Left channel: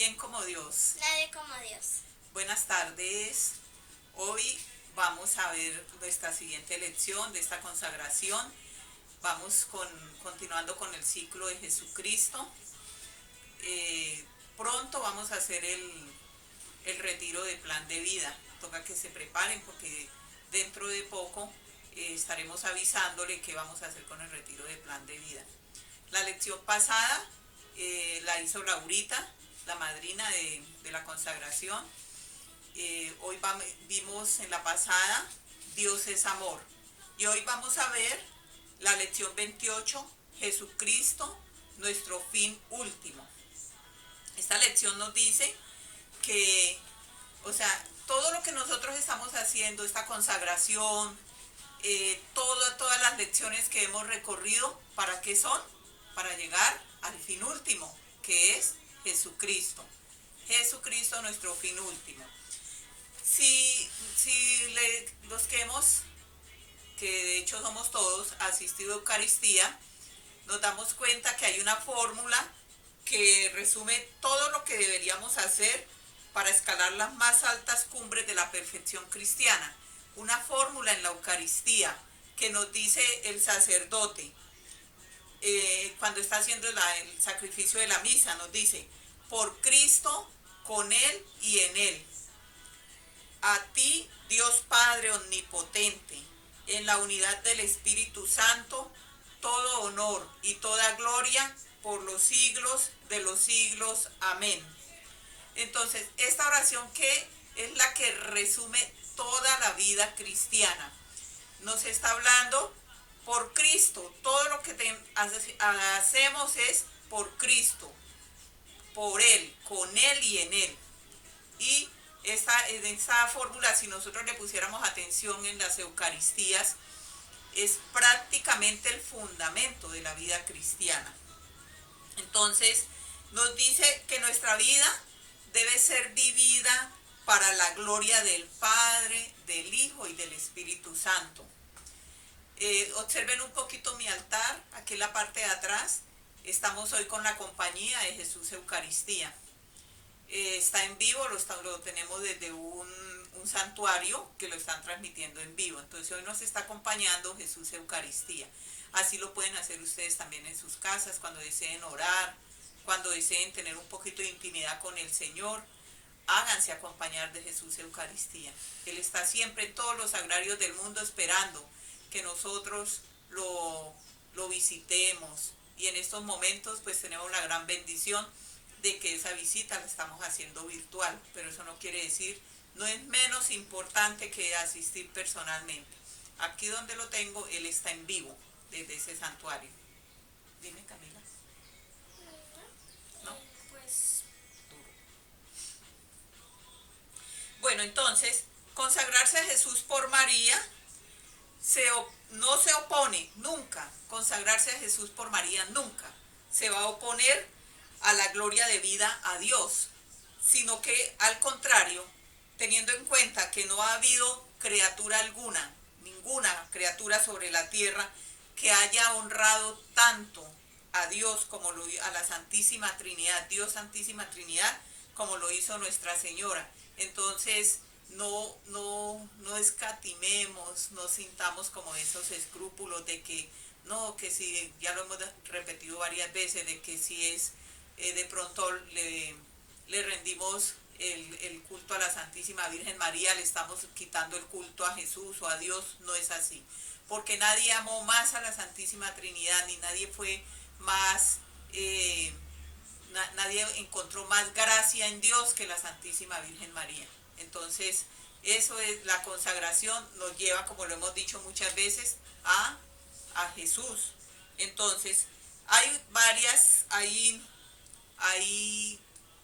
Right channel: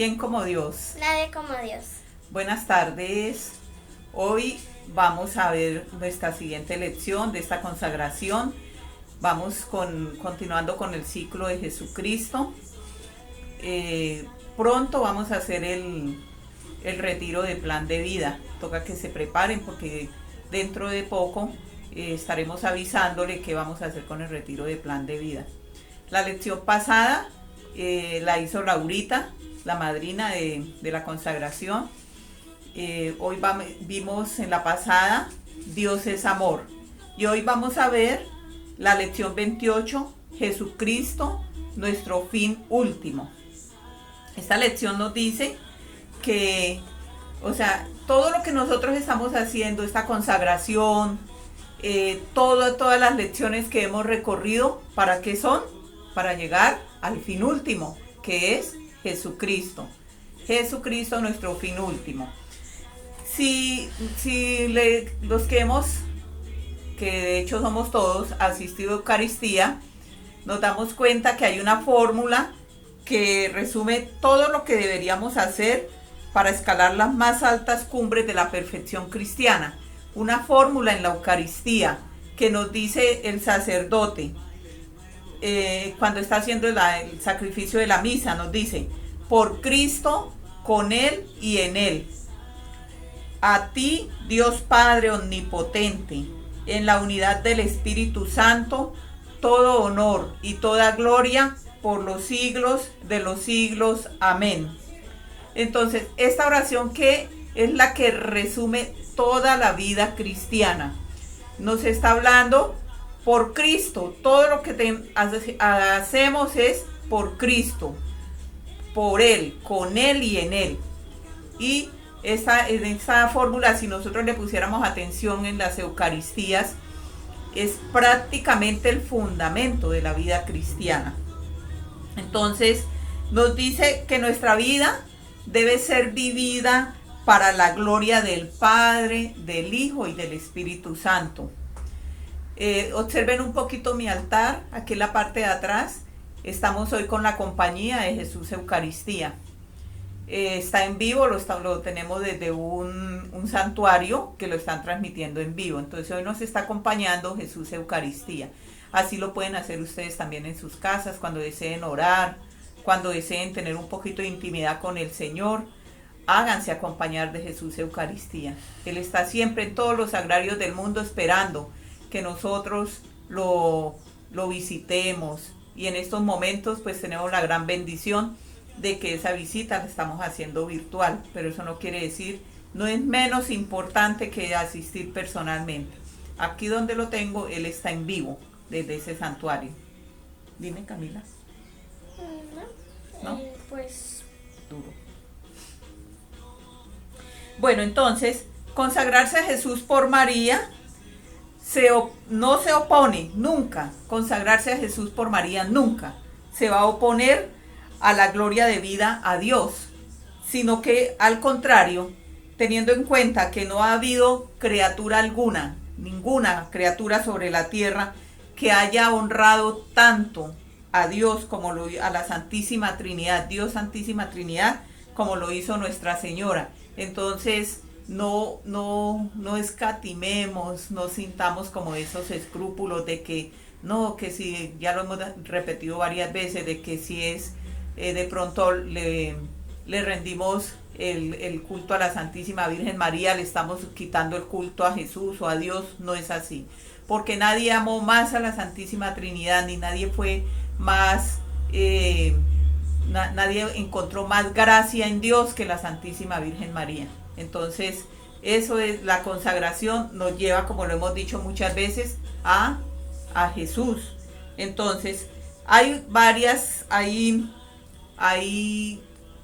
¿Quién como Dios? Nadie como Dios. Buenas tardes. Hoy vamos a ver nuestra siguiente lección de esta consagración. Vamos continuando con el ciclo de Jesucristo. Pronto vamos a hacer el retiro de plan de vida. Toca que se preparen porque dentro de poco estaremos avisándole qué vamos a hacer con el retiro de plan de vida. La lección pasada la hizo Laurita, la madrina de la consagración. Hoy vimos en la pasada Dios es amor. Y hoy vamos a ver la lección 28, Jesucristo, nuestro fin último. Esta lección nos dice que, todo lo que nosotros estamos haciendo, esta consagración, todas las lecciones que hemos recorrido, ¿para qué son? Para llegar al fin último, que es Jesucristo. Jesucristo, nuestro fin último. Los que de hecho somos todos, asistido a Eucaristía, nos damos cuenta que hay una fórmula que resume todo lo que deberíamos hacer para escalar las más altas cumbres de la perfección cristiana. Una fórmula en la Eucaristía que nos dice el sacerdote cuando está haciendo el sacrificio de la misa, nos dice: por Cristo, con Él y en Él. A ti, Dios Padre omnipotente, en la unidad del Espíritu Santo, todo honor y toda gloria por los siglos de los siglos. Amén. Entonces, esta oración que es la que resume toda la vida cristiana, nos está hablando por Cristo. Todo lo que hacemos es por Cristo, por Él, con Él y en Él. Y en esta fórmula, si nosotros le pusiéramos atención en las Eucaristías, es prácticamente el fundamento de la vida cristiana. Entonces, nos dice que nuestra vida debe ser vivida para la gloria del Padre, del Hijo y del Espíritu Santo. Observen un poquito mi altar, aquí en la parte de atrás. Estamos hoy con la compañía de Jesús Eucaristía. Está en vivo, lo tenemos desde un santuario que lo están transmitiendo en vivo. Entonces hoy nos está acompañando Jesús Eucaristía. Así lo pueden hacer ustedes también en sus casas, cuando deseen orar, cuando deseen tener un poquito de intimidad con el Señor. Háganse acompañar de Jesús Eucaristía. Él está siempre en todos los sagrarios del mundo esperando que nosotros lo visitemos. Y en estos momentos pues tenemos la gran bendición de que esa visita la estamos haciendo virtual, pero eso no quiere decir, no es menos importante que asistir personalmente. Aquí donde lo tengo, él está en vivo desde ese santuario. Dime, Camila. ¿No? Pues Duro. Bueno, entonces, consagrarse a Jesús por María no se opone nunca. Consagrarse a Jesús por María nunca se va a oponer a la gloria de vida a Dios, sino que al contrario, teniendo en cuenta que no ha habido criatura alguna, ninguna criatura sobre la tierra que haya honrado tanto a Dios como a la Santísima Trinidad, Dios Santísima Trinidad, como lo hizo Nuestra Señora. Entonces, no escatimemos, no sintamos como esos escrúpulos de que no, que si, ya lo hemos repetido varias veces, de que si es de pronto le rendimos el culto a la Santísima Virgen María, le estamos quitando el culto a Jesús o a Dios. No es así, porque nadie amó más a la Santísima Trinidad, ni nadie fue más, nadie encontró más gracia en Dios que la Santísima Virgen María. Entonces, eso es la consagración, nos lleva, como lo hemos dicho muchas veces, a Jesús. Entonces, hay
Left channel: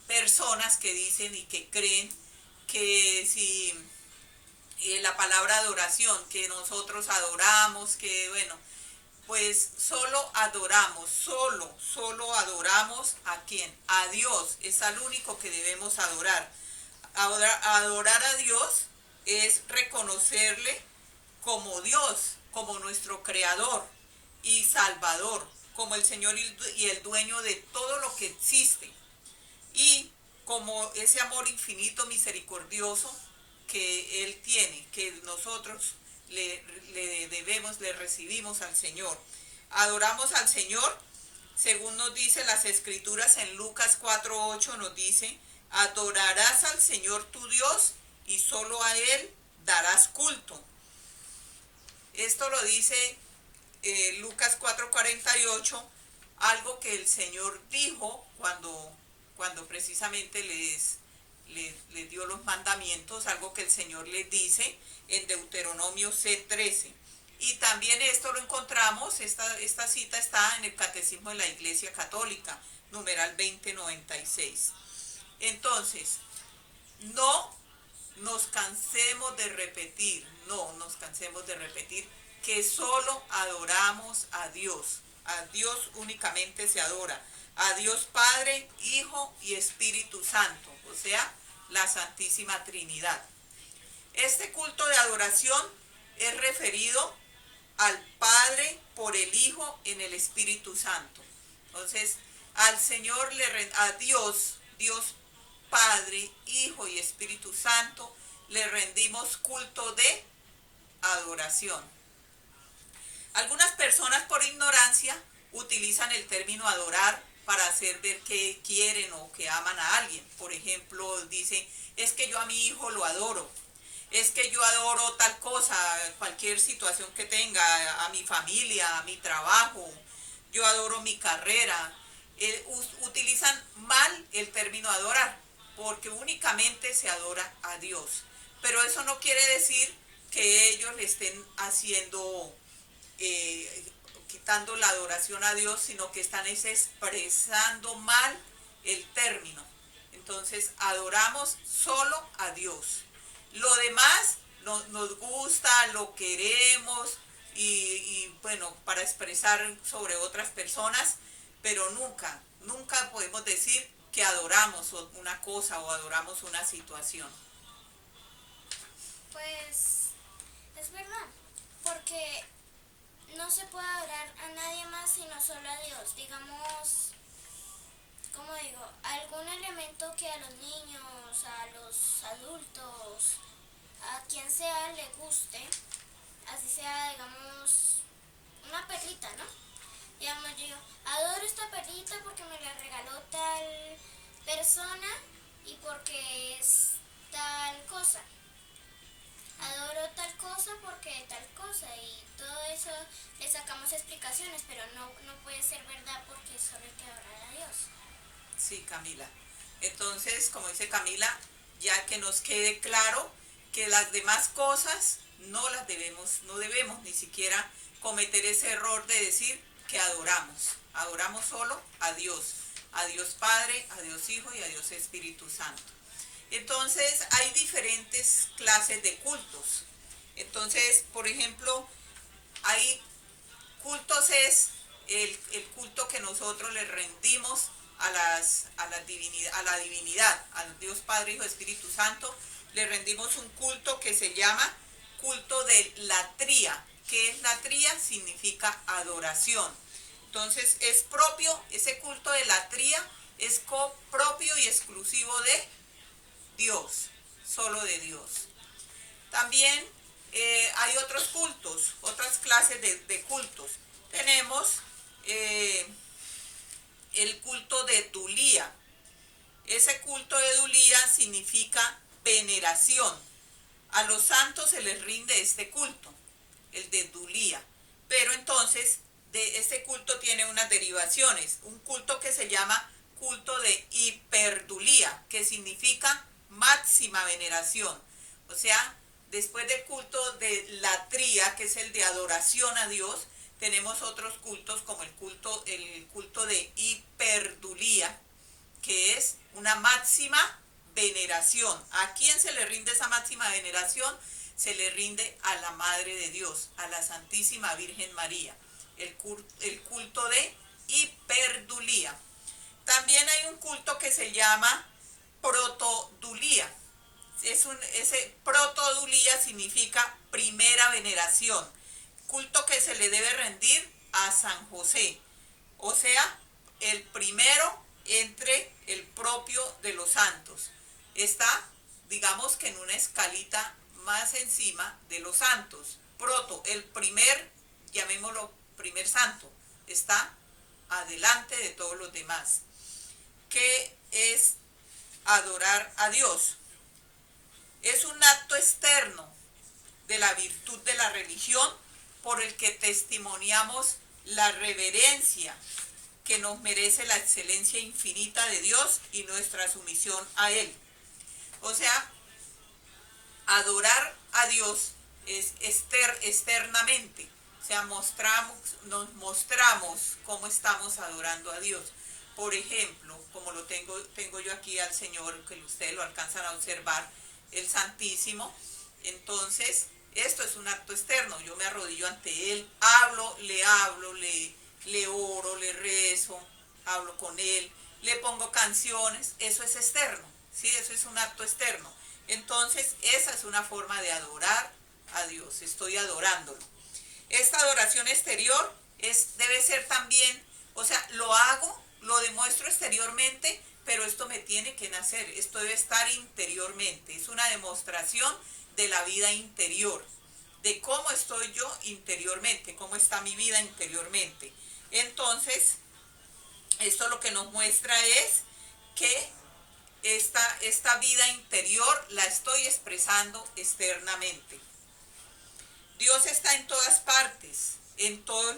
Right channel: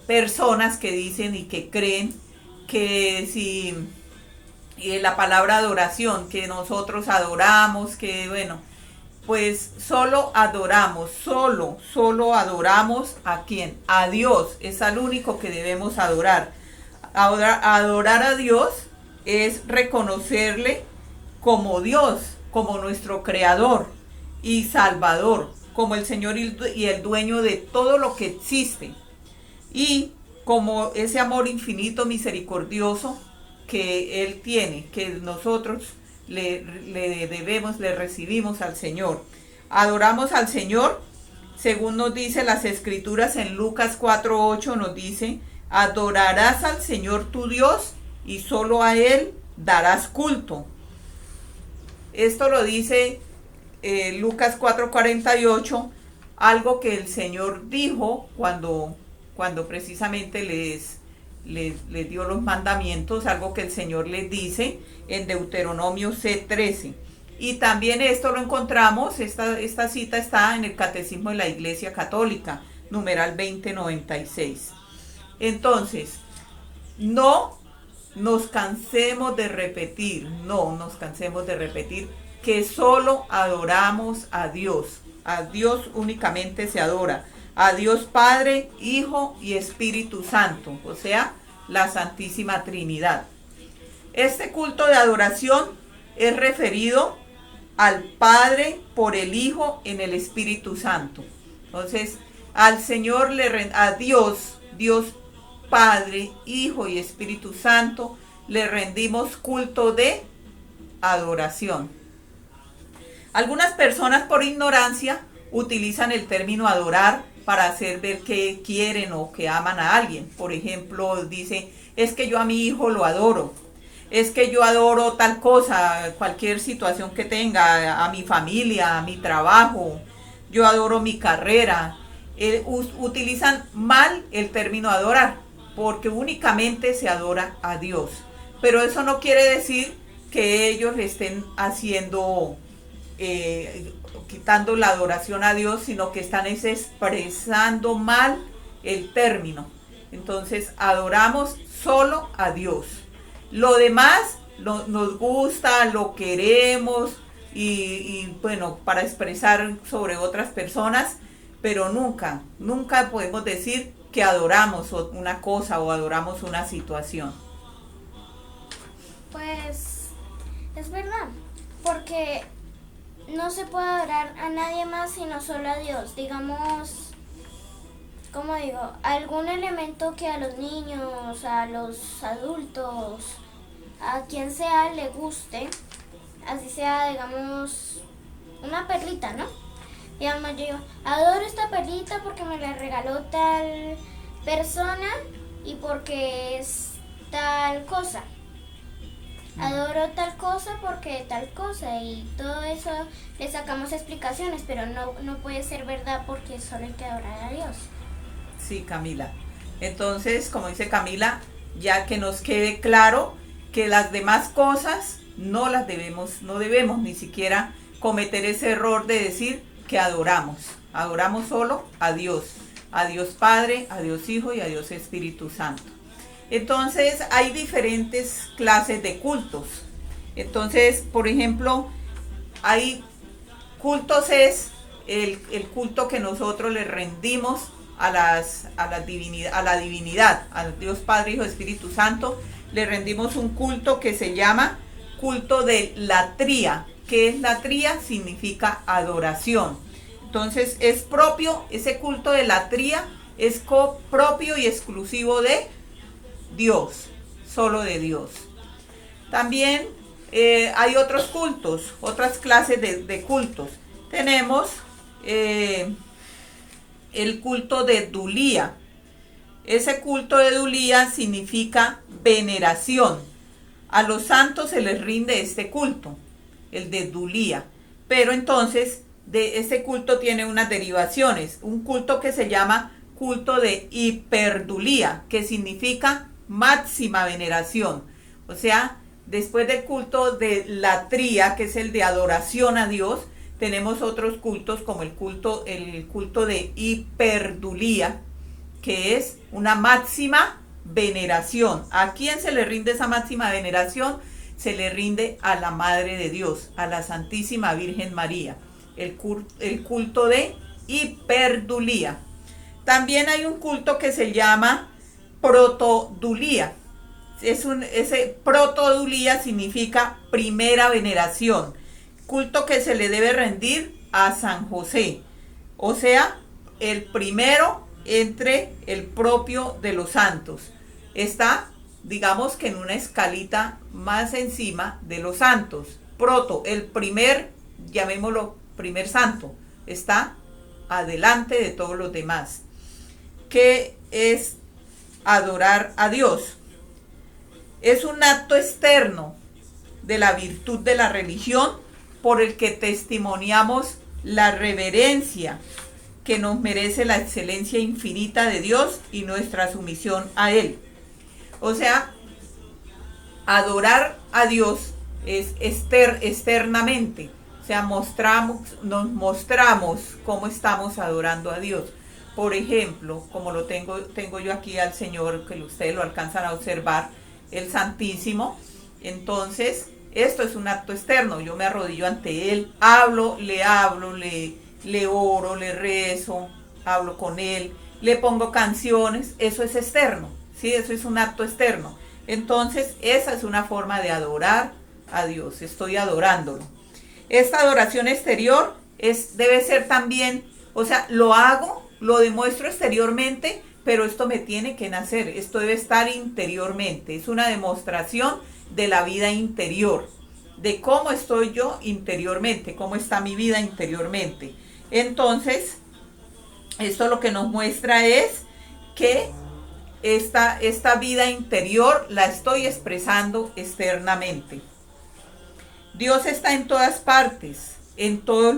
personas que dicen y que creen que si la palabra adoración, que nosotros adoramos, que bueno, pues solo adoramos ¿a quién? A Dios. Es al único que debemos adorar. Adorar a Dios es reconocerle como Dios, como nuestro creador y salvador, como el Señor y el dueño de todo lo que existe. Y como ese amor infinito, misericordioso que Él tiene, que nosotros le debemos, le recibimos al Señor. Adoramos al Señor, según nos dice las Escrituras en Lucas 4:8, nos dice, adorarás al Señor tu Dios y solo a Él darás culto. Esto lo dice Lucas 4:48, algo que el Señor dijo cuando precisamente les dio los mandamientos, algo que el Señor les dice en Deuteronomio C:13. Y también esto lo encontramos, esta cita está en el Catecismo de la Iglesia Católica, numeral 2096. Entonces, no nos cansemos de repetir, que solo adoramos a Dios. A Dios únicamente se adora. A Dios Padre, Hijo y Espíritu Santo, o sea, la Santísima Trinidad. Este culto de adoración es referido al Padre por el Hijo en el Espíritu Santo. Entonces, al Señor a Dios Padre, Hijo y Espíritu Santo, le rendimos culto de adoración. Algunas personas por ignorancia utilizan el término adorar para hacer ver que quieren o que aman a alguien. Por ejemplo, dice, es que yo a mi hijo lo adoro. Es que yo adoro tal cosa, cualquier situación que tenga, a mi familia, a mi trabajo. Yo adoro mi carrera. Utilizan mal el término adorar, porque únicamente se adora a Dios. Pero eso no quiere decir que ellos le estén haciendo, quitando la adoración a Dios, sino que están expresando mal el término. Entonces adoramos solo a Dios. Lo demás nos gusta, lo queremos y bueno, para expresar sobre otras personas, pero nunca podemos decir que adoramos una cosa o adoramos una situación. Pues es verdad, porque no se puede adorar a nadie más sino solo a Dios. Digamos, como digo, algún elemento que a los niños, a los adultos, a quien sea le guste, así sea, digamos, una perlita, ¿no? Digamos, yo digo, adoro esta perlita porque me la regaló tal persona y porque es tal cosa. Adoro tal cosa porque tal cosa, y todo eso le sacamos explicaciones, pero no puede ser verdad porque solo hay que adorar a Dios. Sí, Camila. Entonces, como dice Camila, ya que nos quede claro que las demás cosas no debemos ni siquiera cometer ese error de decir que adoramos solo a Dios Padre, a Dios Hijo y a Dios Espíritu Santo. Entonces hay diferentes clases de cultos. Entonces, por ejemplo, hay cultos, es el culto que nosotros le rendimos a la divinidad, a Dios Padre, Hijo, Espíritu Santo. Le rendimos un culto que se llama culto de latría. ¿Qué es latría? Significa adoración. Entonces es propio, ese culto de latría es propio y exclusivo de Dios, solo de Dios. También hay otros cultos, otras clases de cultos. Tenemos el culto de Dulía. Ese culto de Dulía significa veneración. A los santos se les rinde este culto, el de Dulía. Pero entonces, de este culto tiene unas derivaciones. Un culto que se llama culto de hiperdulía, que significa máxima veneración. O sea, después del culto de latría, que es el de adoración a Dios, tenemos otros cultos como el culto de hiperdulía, que es una máxima veneración. ¿A quién se le rinde esa máxima veneración? Se le rinde a la Madre de Dios, a la Santísima Virgen María. El culto de hiperdulía. También hay un culto que se llama protodulía. Ese protodulía significa primera veneración. Culto que se le debe rendir a San José. O sea, el primero entre el propio de los santos. Está, digamos que en una escalita más encima de los santos. Proto, el primer, llamémoslo primer santo, está adelante de todos los demás. ¿Qué es adorar a Dios? Es un acto externo de la virtud de la religión por el que testimoniamos la reverencia que nos merece la excelencia infinita de Dios y nuestra sumisión a Él. O sea, adorar a Dios es externamente. O sea, nos mostramos cómo estamos adorando a Dios. Por ejemplo, como lo tengo yo aquí al Señor, que ustedes lo alcanzan a observar, el Santísimo. Entonces, esto es un acto externo. Yo me arrodillo ante Él, le oro, le rezo, hablo con Él, le pongo canciones. Eso es externo, ¿sí? Eso es un acto externo. Entonces, esa es una forma de adorar a Dios. Estoy adorándolo. Esta adoración exterior debe ser también, o sea, lo hago, lo demuestro exteriormente, pero esto me tiene que nacer, esto debe estar interiormente. Es una demostración de la vida interior, de cómo estoy yo interiormente, cómo está mi vida interiormente. Entonces, esto lo que nos muestra es que esta vida interior la estoy expresando externamente. Dios está en todas partes, en todo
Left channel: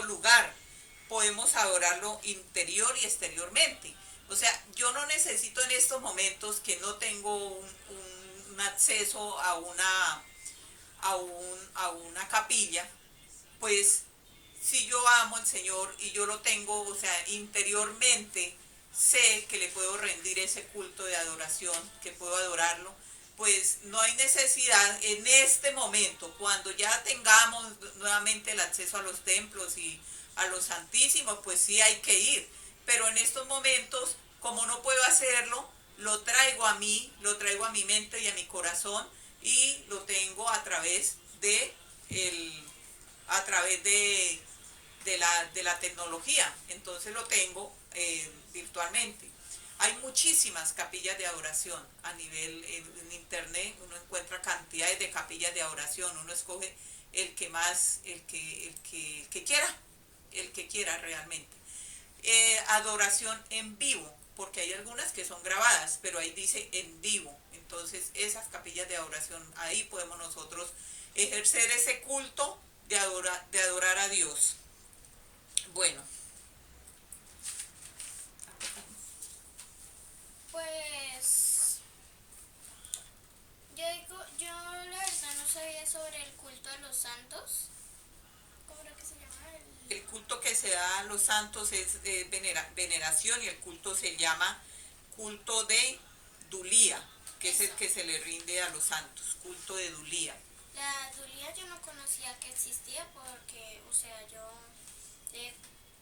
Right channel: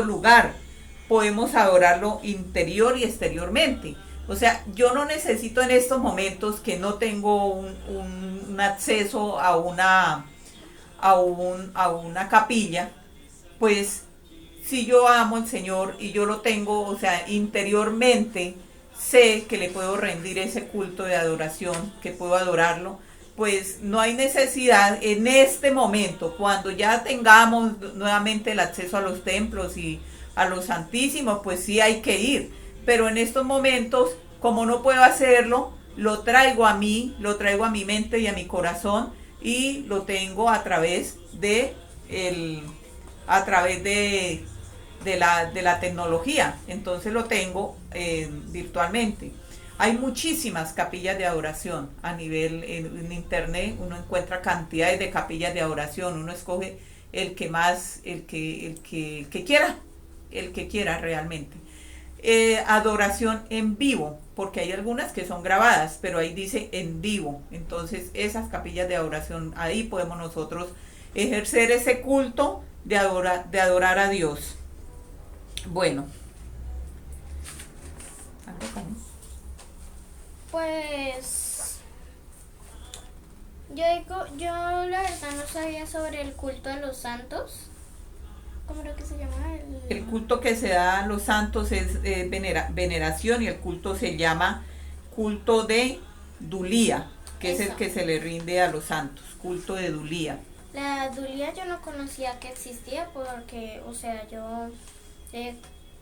lugar. Podemos adorarlo interior y exteriormente. O sea, yo no necesito en estos momentos que no tengo un acceso a una capilla, pues si yo amo al Señor y yo lo tengo, o sea, interiormente sé que le puedo rendir ese culto de adoración, que puedo adorarlo, pues no hay necesidad en este momento, cuando ya tengamos nuevamente el acceso a los templos y a los santísimos, pues sí hay que ir. Pero en estos momentos, como no puedo hacerlo, lo traigo a mí, lo traigo a mi mente y a mi corazón, y lo tengo a través de la tecnología. Entonces lo tengo virtualmente. Hay muchísimas capillas de adoración a nivel en internet. Uno encuentra cantidades de capillas de adoración. Uno escoge el que más, el que quiera realmente. Adoración en vivo, porque hay algunas que son grabadas, pero ahí dice en vivo. Entonces esas capillas de adoración, ahí podemos nosotros ejercer ese culto de adorar a Dios. Bueno. Pues yo la verdad no sabía sobre el culto a los santos. ¿Cómo era que se llama? El culto que se da a los santos es veneración, y el culto se llama culto de Dulía, que es el que se le rinde a los santos, culto de Dulía. La Dulía yo no conocía que existía porque, o sea, yo,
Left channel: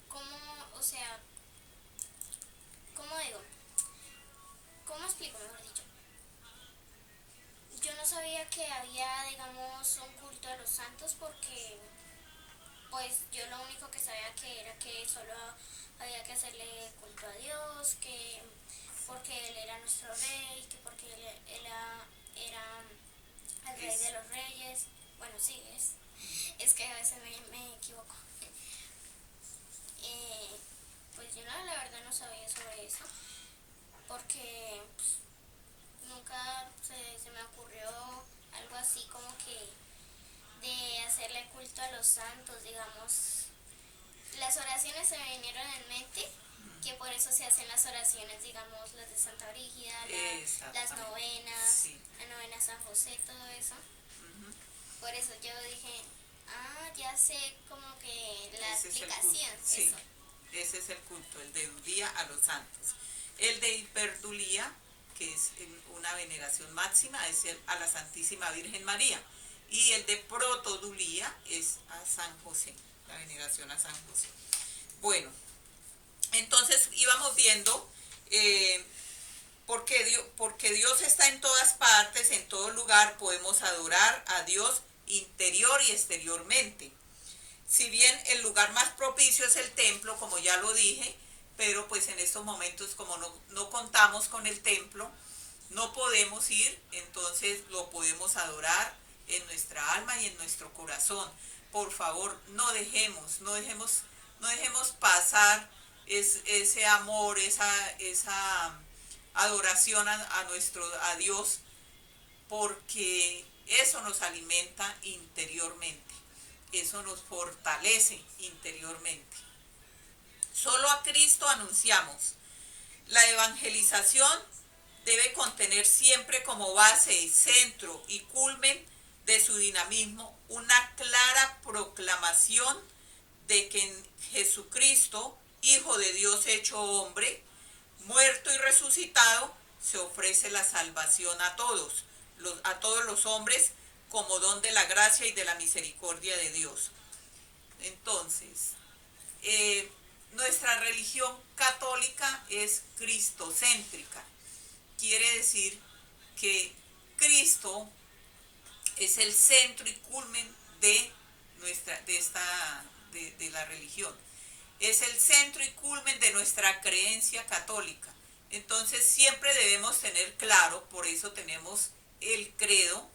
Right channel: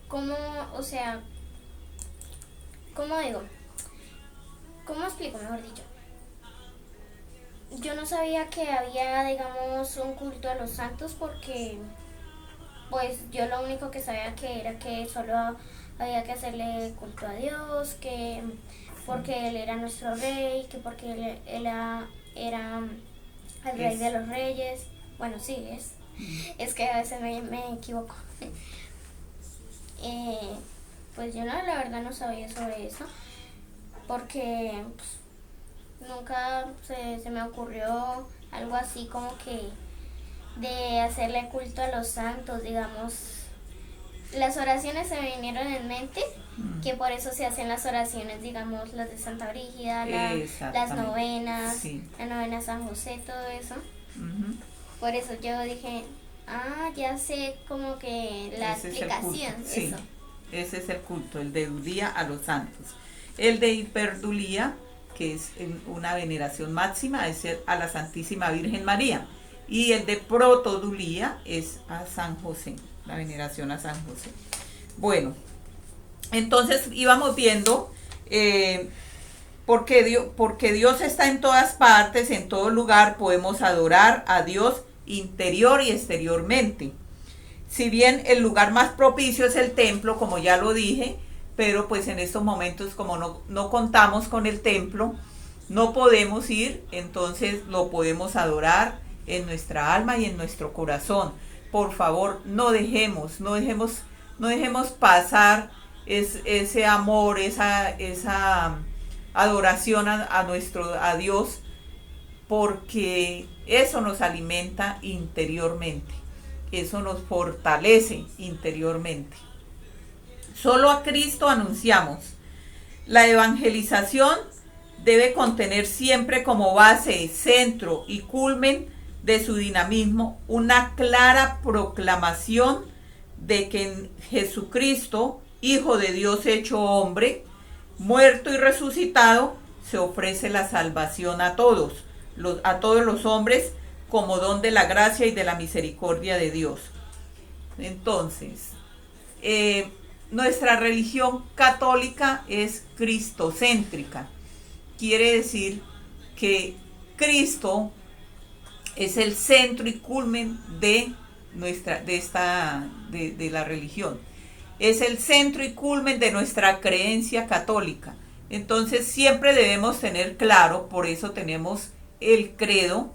¿cómo digo? ¿Cómo explico, mejor dicho? Yo no sabía que había, digamos, un culto a los santos porque, pues, yo lo único que sabía que era que solo había que hacerle culto a Dios, que porque Él era nuestro rey, que porque Él era el rey de los reyes. Bueno, sí, es que a veces me equivoco. Pues yo la verdad no sabía sobre eso, porque pues, nunca se me ocurrió algo así como que de hacerle culto a los santos, digamos. Las oraciones se me vinieron en mente, que por eso se hacen las oraciones, digamos, las de Santa Brígida, las novenas, sí. La novena a San José, todo eso. Uh-huh. Por eso yo dije, ya sé como que la explicación. Sí, eso. Ese es el culto, el de Dulía a los santos. El de Hiperdulía, que es una veneración máxima, es a la Santísima Virgen María. Y el de Protodulía es a San José, la veneración a San José. Bueno, entonces íbamos viendo porque Dios está en todas partes, en todo lugar, podemos adorar a Dios interior y exteriormente. Si bien el lugar más propicio es el templo, como ya lo dije, pero pues en estos momentos como no contamos con el templo, no podemos ir, entonces lo podemos adorar en nuestra alma y en nuestro corazón. Por favor, no dejemos pasar ese amor, esa adoración a Dios, porque eso nos alimenta interiormente, eso nos fortalece interiormente. Solo a Cristo anunciamos. La evangelización debe contener siempre como base, centro y culmen de su dinamismo una clara proclamación de que en Jesucristo, Hijo de Dios hecho hombre, muerto y resucitado, se ofrece la salvación a todos los hombres, como don de la gracia y de la misericordia de Dios. Entonces, nuestra religión católica es cristocéntrica. Quiere decir que Cristo es el centro y culmen de la religión. Es el centro y culmen de nuestra creencia católica. Entonces siempre debemos tener claro, por eso tenemos el credo,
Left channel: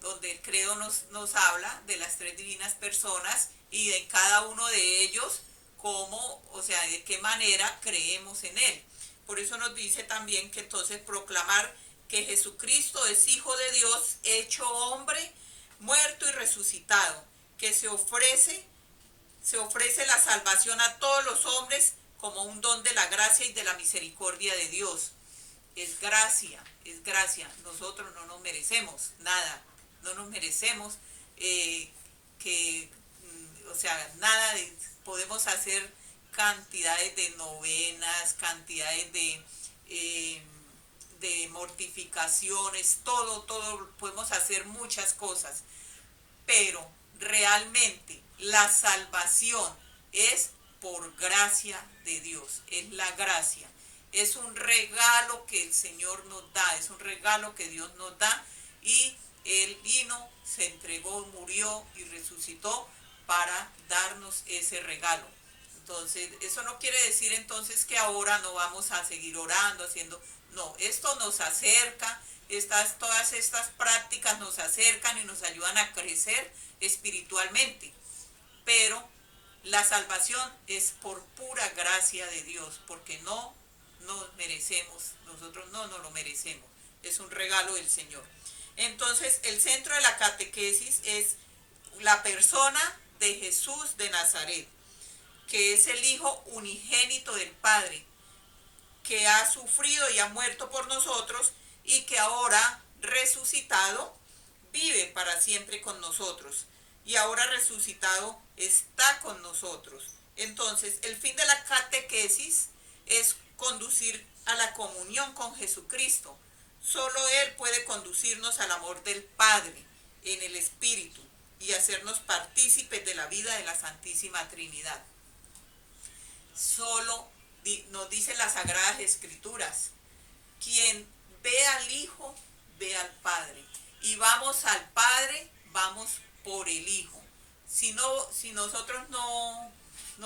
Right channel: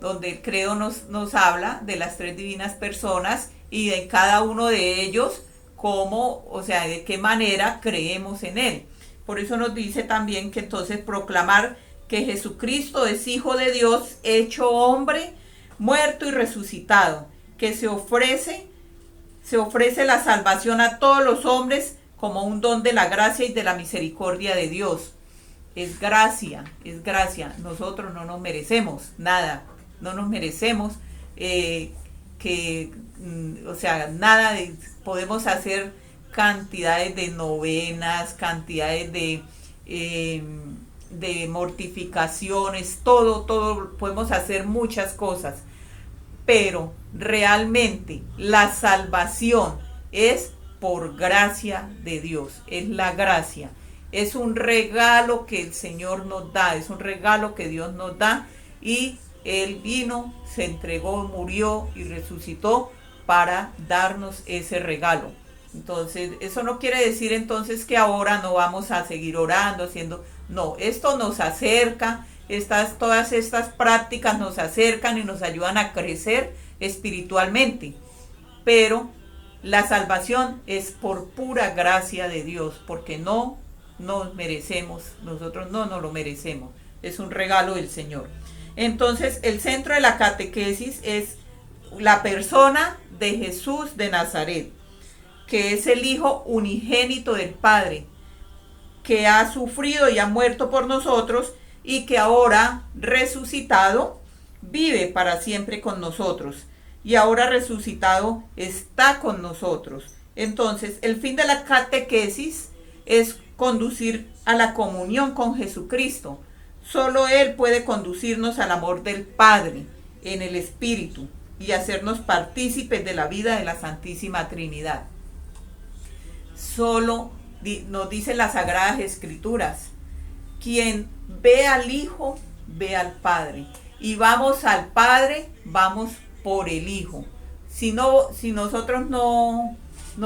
donde el credo nos habla de las tres divinas personas y de cada uno de ellos, cómo, o sea, de qué manera creemos en él. Por eso nos dice también que entonces proclamar que Jesucristo es Hijo de Dios, hecho hombre, muerto y resucitado, que se ofrece la salvación a todos los hombres como un don de la gracia y de la misericordia de Dios. Es gracia. Nosotros no nos merecemos nada, no nos merecemos nada. Podemos hacer cantidades de novenas, cantidades de mortificaciones, todo, podemos hacer muchas cosas, pero realmente la salvación es por gracia de Dios, es la gracia, es un regalo que el Señor nos da, es un regalo que Dios nos da, y Él vino, se entregó, murió y resucitó para darnos ese regalo. Entonces, eso no quiere decir entonces que ahora no vamos a seguir orando, no, esto nos acerca, todas estas prácticas nos acercan y nos ayudan a crecer espiritualmente, pero la salvación es por pura gracia de Dios, porque no nos merecemos, nosotros no nos lo merecemos, es un regalo del Señor. Entonces, el centro de la catequesis es la persona de Jesús de Nazaret, que es el Hijo unigénito del Padre, que ha sufrido y ha muerto por nosotros y que ahora resucitado vive para siempre con nosotros, y ahora resucitado está con nosotros. Entonces, el fin de la catequesis es conducir a la comunión con Jesucristo. Solo Él puede conducirnos al amor del Padre en el Espíritu y hacernos partícipes de la vida de la Santísima Trinidad. Solo nos dicen las Sagradas Escrituras: quien ve al Hijo, ve al Padre. Y vamos al Padre, vamos por el Hijo. Si nosotros no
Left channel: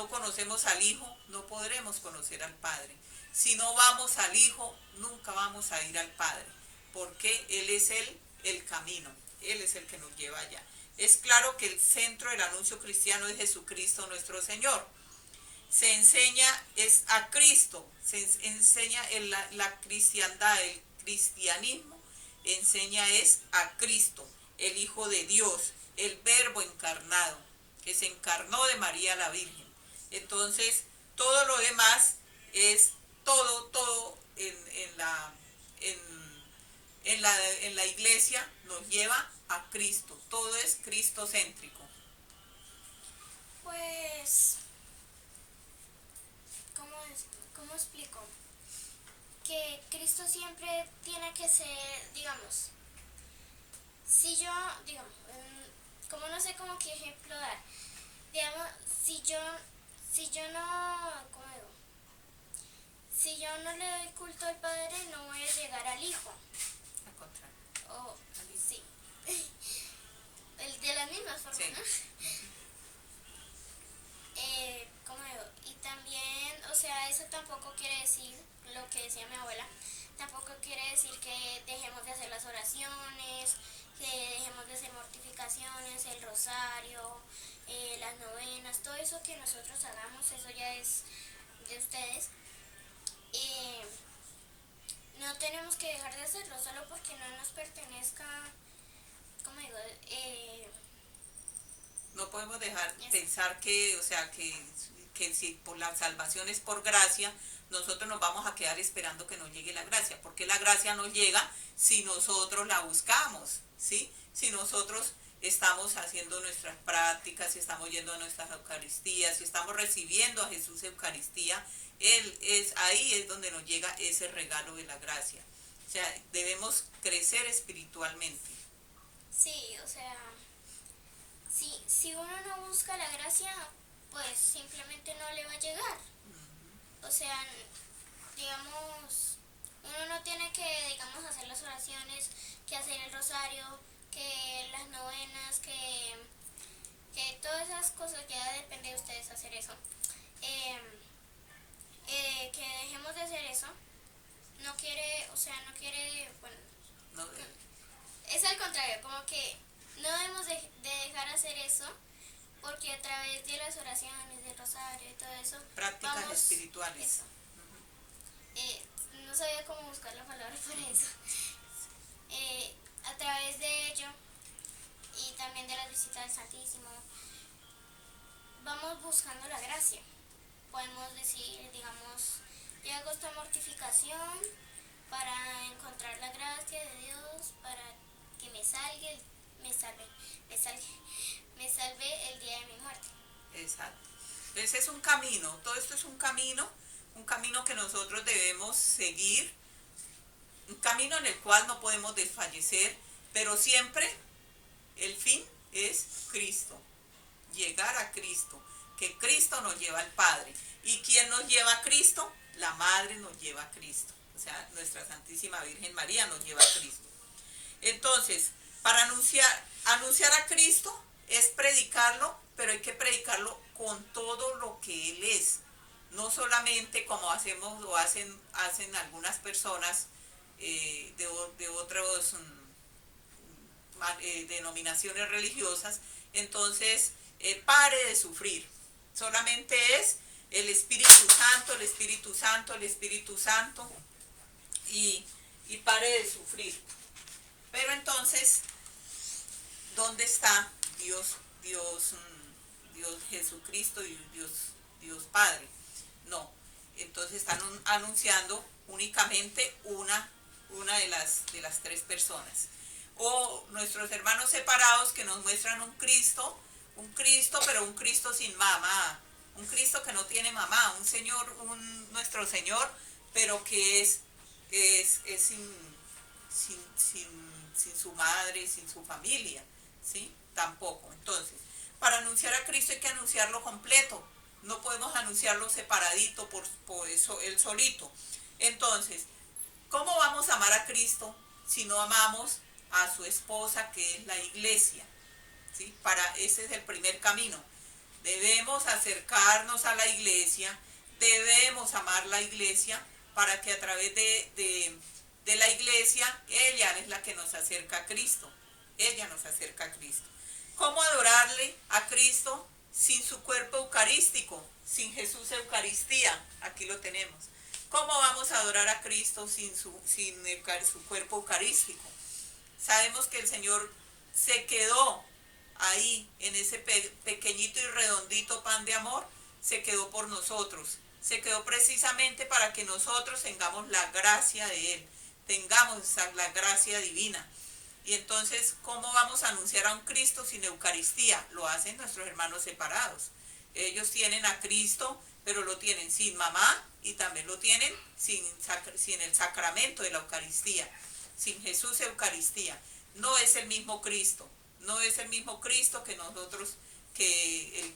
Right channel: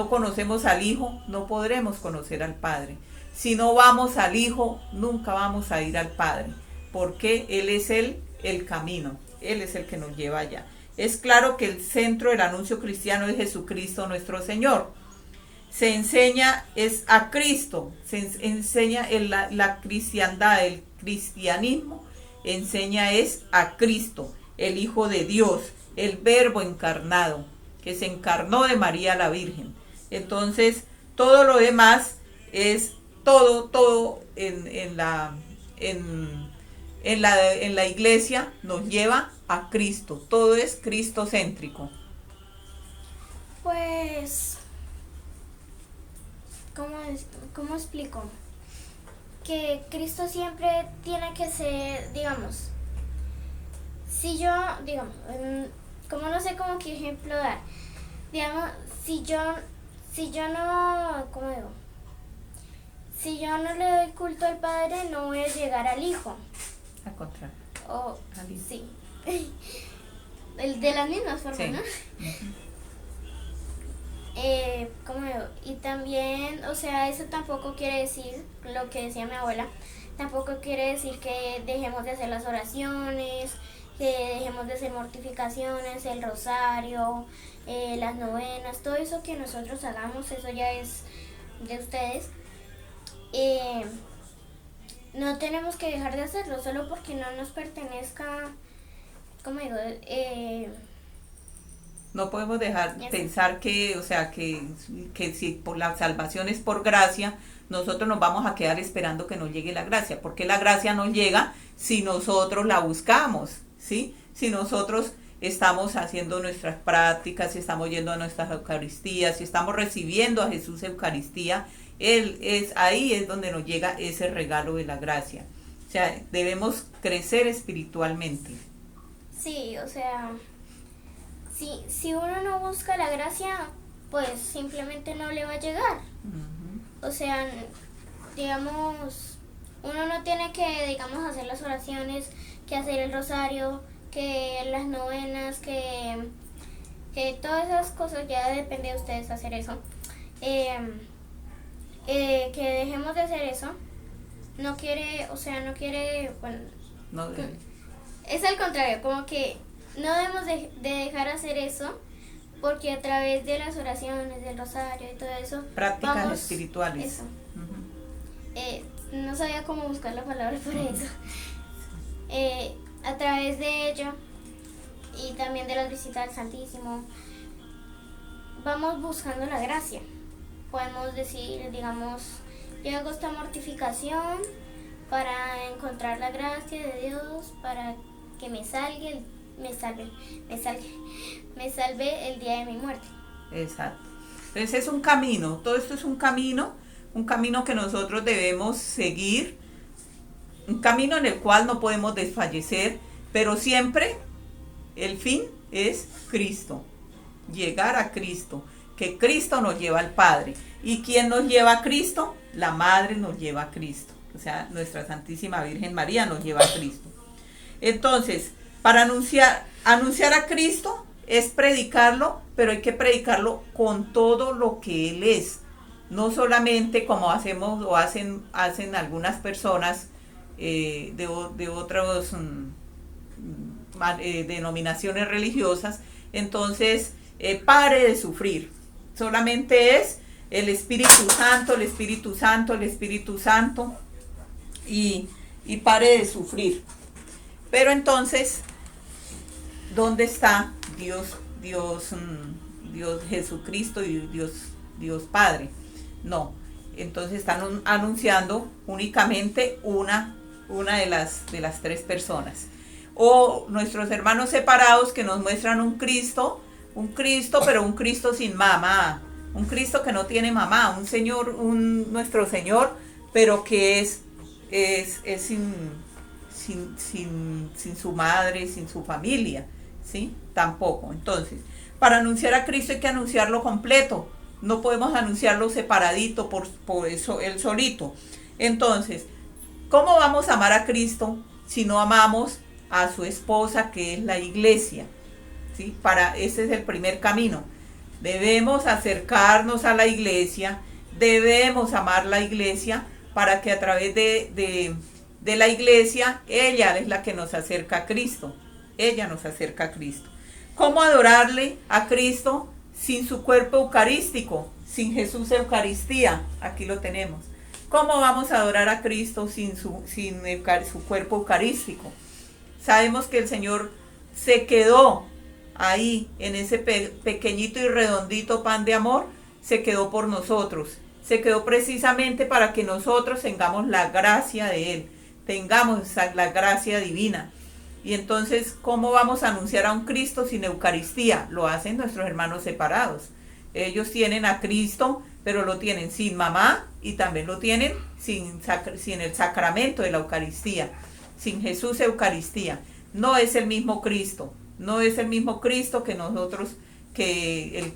conocemos al Hijo, no podremos conocer al Padre. Si no vamos al Hijo, nunca vamos a ir al Padre, porque Él es el camino, Él es el que nos lleva allá. Es claro que el centro del anuncio cristiano es Jesucristo nuestro Señor. Se enseña es a Cristo, se enseña en la cristiandad, el cristianismo enseña es a Cristo, el Hijo de Dios, el Verbo encarnado, que se encarnó de María la Virgen. Entonces, todo lo demás es todo en la iglesia nos lleva a Cristo, todo es cristocéntrico. Pues, ¿cómo explico? Que Cristo siempre tiene que ser, digamos, si yo, digamos, como no sé cómo qué ejemplo dar, digamos, si yo no, ¿cómo digo? Si yo no le doy culto al Padre, no voy a llegar al Hijo. Al contrario. Sí. De las mismas formas, sí. ¿no? ¿Cómo digo? Y también, o sea, eso tampoco quiere decir, lo que decía mi abuela, tampoco quiere decir que dejemos de hacer las oraciones, que dejemos de hacer mortificaciones, el rosario, las novenas, todo eso que nosotros hagamos, eso ya es de ustedes. Eh, no tenemos que dejar de hacerlo solo porque no nos pertenezca, ¿cómo digo? No podemos dejar Eso. pensar que, o sea, que si por la salvación es por gracia, nosotros nos vamos a quedar esperando que nos llegue la gracia, porque la gracia no llega si nosotros la buscamos, ¿sí? Si nosotros estamos haciendo nuestras prácticas, si estamos yendo a nuestras Eucaristías, si estamos recibiendo a Jesús Eucaristía, ahí es donde nos llega ese regalo de la gracia. O sea, debemos crecer espiritualmente. Sí, o sea, si uno no busca la gracia, pues simplemente no le va a llegar. O sea, digamos, uno no tiene que, digamos, hacer las oraciones, que hacer el rosario, que las novenas, que todas esas cosas, ya depende de ustedes hacer eso. Que dejemos de hacer eso. No quiere, o sea, no quiere, bueno, No, es al contrario, como que no debemos de dejar hacer eso, porque a través de las oraciones, del rosario y todo eso, prácticas vamos, espirituales. eso. No sabía cómo buscar la palabra para eso. A través de ello y también de las visitas al Santísimo, vamos buscando la gracia. Podemos decir, digamos, yo hago esta mortificación para encontrar la gracia de Dios, para que me salve el día de mi muerte. Exacto. Entonces es un camino, todo esto es un camino que nosotros debemos seguir, un camino en el cual no podemos desfallecer, pero siempre el fin es Cristo, llegar a Cristo, que Cristo nos lleva al Padre. ¿Y quién nos lleva a Cristo? La Madre nos lleva a Cristo, o sea, nuestra Santísima Virgen María nos lleva a Cristo. Entonces, para anunciar a Cristo es predicarlo, pero hay que predicarlo con todo lo que Él es. No solamente como hacemos o hacen algunas personas de otras denominaciones religiosas. Entonces, pare de sufrir. Solamente es el Espíritu Santo, el Espíritu Santo, el Espíritu Santo, y pare de sufrir. Pero entonces, ¿dónde está Dios Jesucristo y Dios Padre? No. Entonces están anunciando únicamente una de las tres personas. O nuestros hermanos separados que nos muestran un Cristo, pero un Cristo sin mamá, un Cristo que no tiene mamá, un Señor, nuestro Señor, pero que es sin su madre, sin su familia, ¿sí? Tampoco. Entonces, para anunciar a Cristo hay que anunciarlo completo. No podemos anunciarlo separadito por eso él solito. Entonces, ¿cómo vamos a amar a Cristo si no amamos a su esposa, que es la iglesia? ¿Sí? Ese es el primer camino. Debemos acercarnos a la iglesia, debemos amar la iglesia para que a través de la iglesia, ella es la que nos acerca a Cristo. Ella nos acerca a Cristo. ¿Cómo adorarle a Cristo sin su cuerpo eucarístico, sin Jesús Eucaristía? Aquí lo tenemos. ¿Cómo vamos a adorar a Cristo sin su cuerpo eucarístico? Sabemos que el Señor se quedó ahí en ese pequeñito y redondito pan de amor, se quedó por nosotros. Se quedó precisamente para que nosotros tengamos la gracia de Él, tengamos la gracia divina. Y entonces, ¿cómo vamos a anunciar a un Cristo sin Eucaristía? Lo hacen nuestros hermanos separados. Ellos tienen a Cristo, pero lo tienen sin mamá y también lo tienen sin el sacramento de la Eucaristía, sin Jesús Eucaristía. No es el mismo Cristo, no es el mismo Cristo que nosotros, que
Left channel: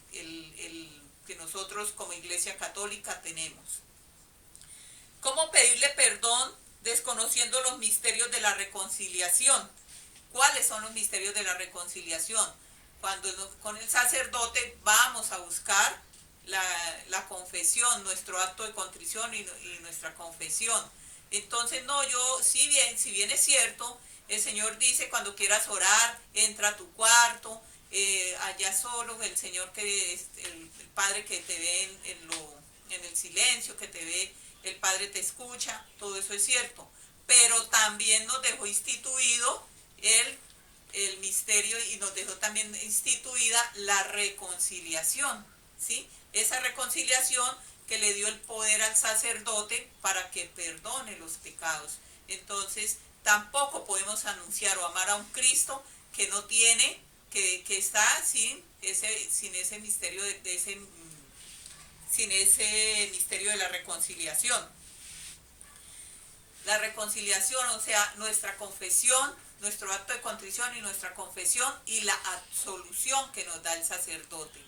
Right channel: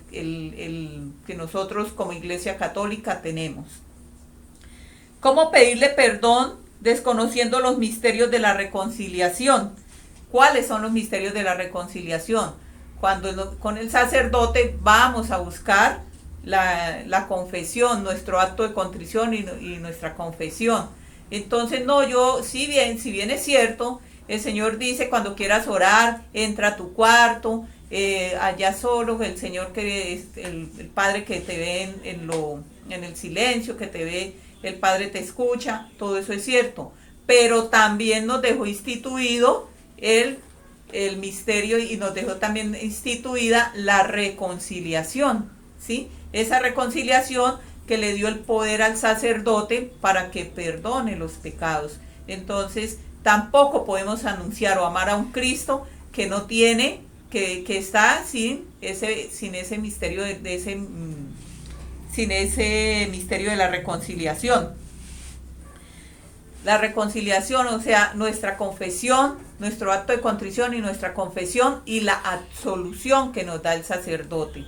nosotros como Iglesia Católica tenemos. ¿Cómo pedirle perdón desconociendo los misterios de la reconciliación? ¿Cuáles son los misterios de la reconciliación? Cuando con el sacerdote vamos a buscar la confesión, nuestro acto de contrición y nuestra confesión. Entonces, no, yo, si bien es cierto, el Señor dice, cuando quieras orar, entra a tu cuarto, allá solo, el Señor que es el Padre que te ve en el silencio, que te ve, el Padre te escucha, todo eso es cierto. Pero también nos dejó instituido el misterio y nos dejó también instituida la reconciliación, ¿sí? Esa reconciliación que le dio el poder al sacerdote para que perdone los pecados. Entonces, tampoco podemos anunciar o amar a un Cristo que no tiene, que está sin ese misterio sin ese misterio de la reconciliación. La reconciliación, o sea, nuestra confesión, nuestro acto de contrición y nuestra confesión y la absolución que nos da el sacerdote.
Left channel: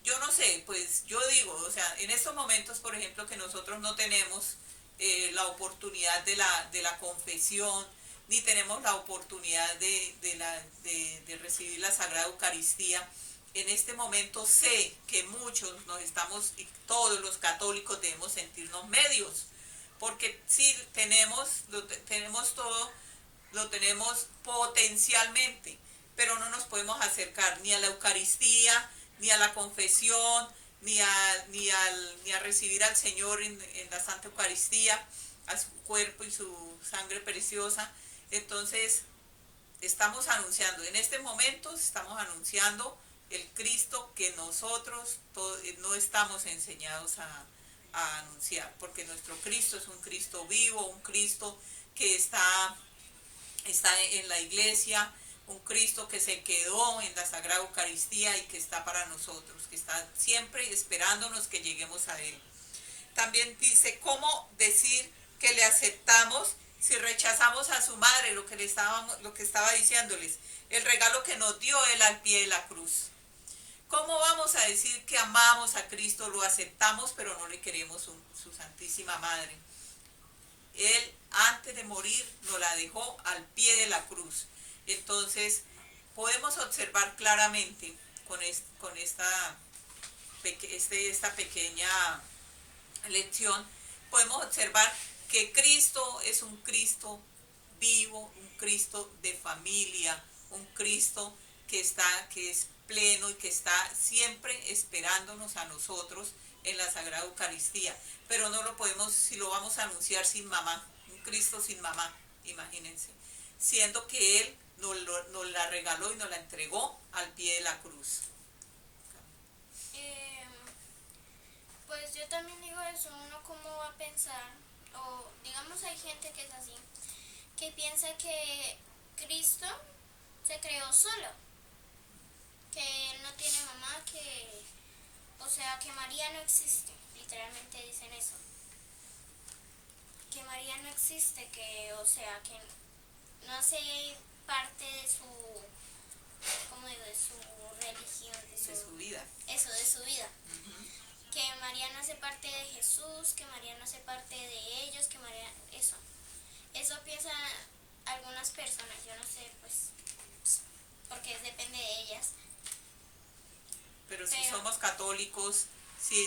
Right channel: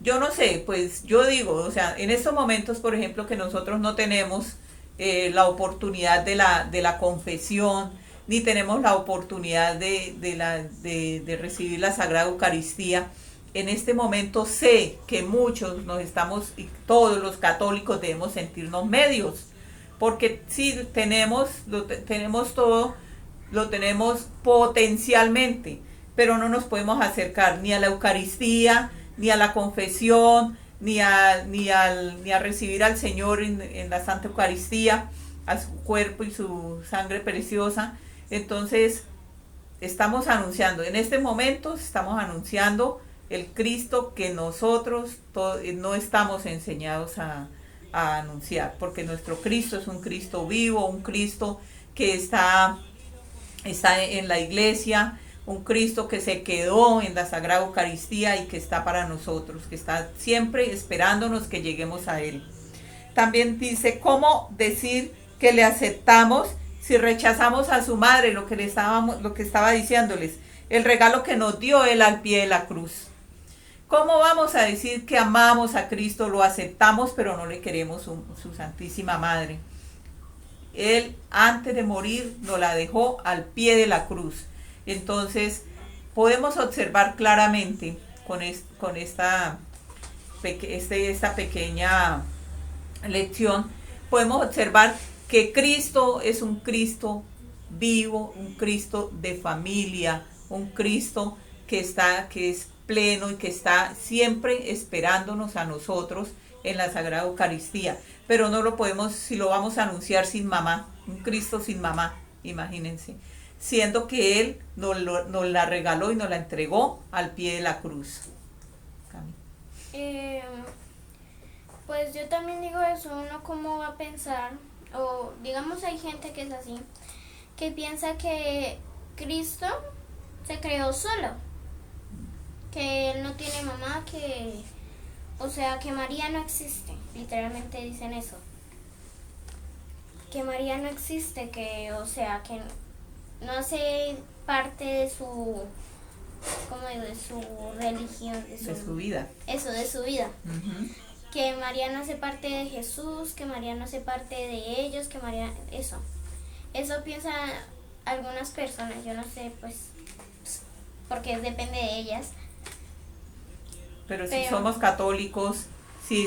Yo no sé, pues yo digo, o sea, en estos momentos, por ejemplo, que nosotros no tenemos la oportunidad de la confesión, ni tenemos la oportunidad de recibir la Sagrada Eucaristía, en este momento sé que muchos nos estamos, y todos los católicos debemos sentirnos medios, porque sí tenemos todo, lo tenemos potencialmente, pero no nos podemos acercar ni a la Eucaristía, ni a la confesión, ni a recibir al Señor en la Santa Eucaristía, a su cuerpo y su sangre preciosa. Entonces, estamos anunciando, en este momento estamos anunciando el Cristo que nosotros no estamos enseñados a anunciar, porque nuestro Cristo es un Cristo vivo, un Cristo que está en la iglesia, un Cristo que se quedó en la Sagrada Eucaristía y que está para nosotros, que está siempre esperándonos que lleguemos a Él. También dice, ¿cómo decir que le aceptamos si rechazamos a su madre? Lo que estaba diciéndoles, el regalo que nos dio Él al pie de la cruz. ¿Cómo vamos a decir que amamos a Cristo, lo aceptamos, pero no le queremos su Santísima Madre? Él, antes de morir, nos la dejó al pie de la cruz. Entonces, podemos observar claramente con esta pequeña lección, podemos observar que Cristo es un Cristo vivo, un Cristo de familia, un Cristo que es pleno y que está siempre esperándonos a nosotros en la Sagrada Eucaristía. Pero no lo podemos, si lo vamos a anunciar sin mamá, un Cristo sin mamá, imagínense, siendo que Él nos la regaló y nos la entregó al pie de la cruz. Pues yo también digo eso, uno cómo va a pensar, o digamos hay gente que es así, que piensa que Cristo se creó solo, que Él no tiene mamá, o sea, que María no existe, literalmente dicen eso, que María no existe, o sea, que no hace parte de su, ¿cómo digo?, de su religión, de su vida. Eso, de su vida. Uh-huh. Que María no hace parte de Jesús, que María no hace parte de ellos, que María, eso piensan algunas personas, yo no sé, pues, porque depende de ellas. Pero si somos católicos, si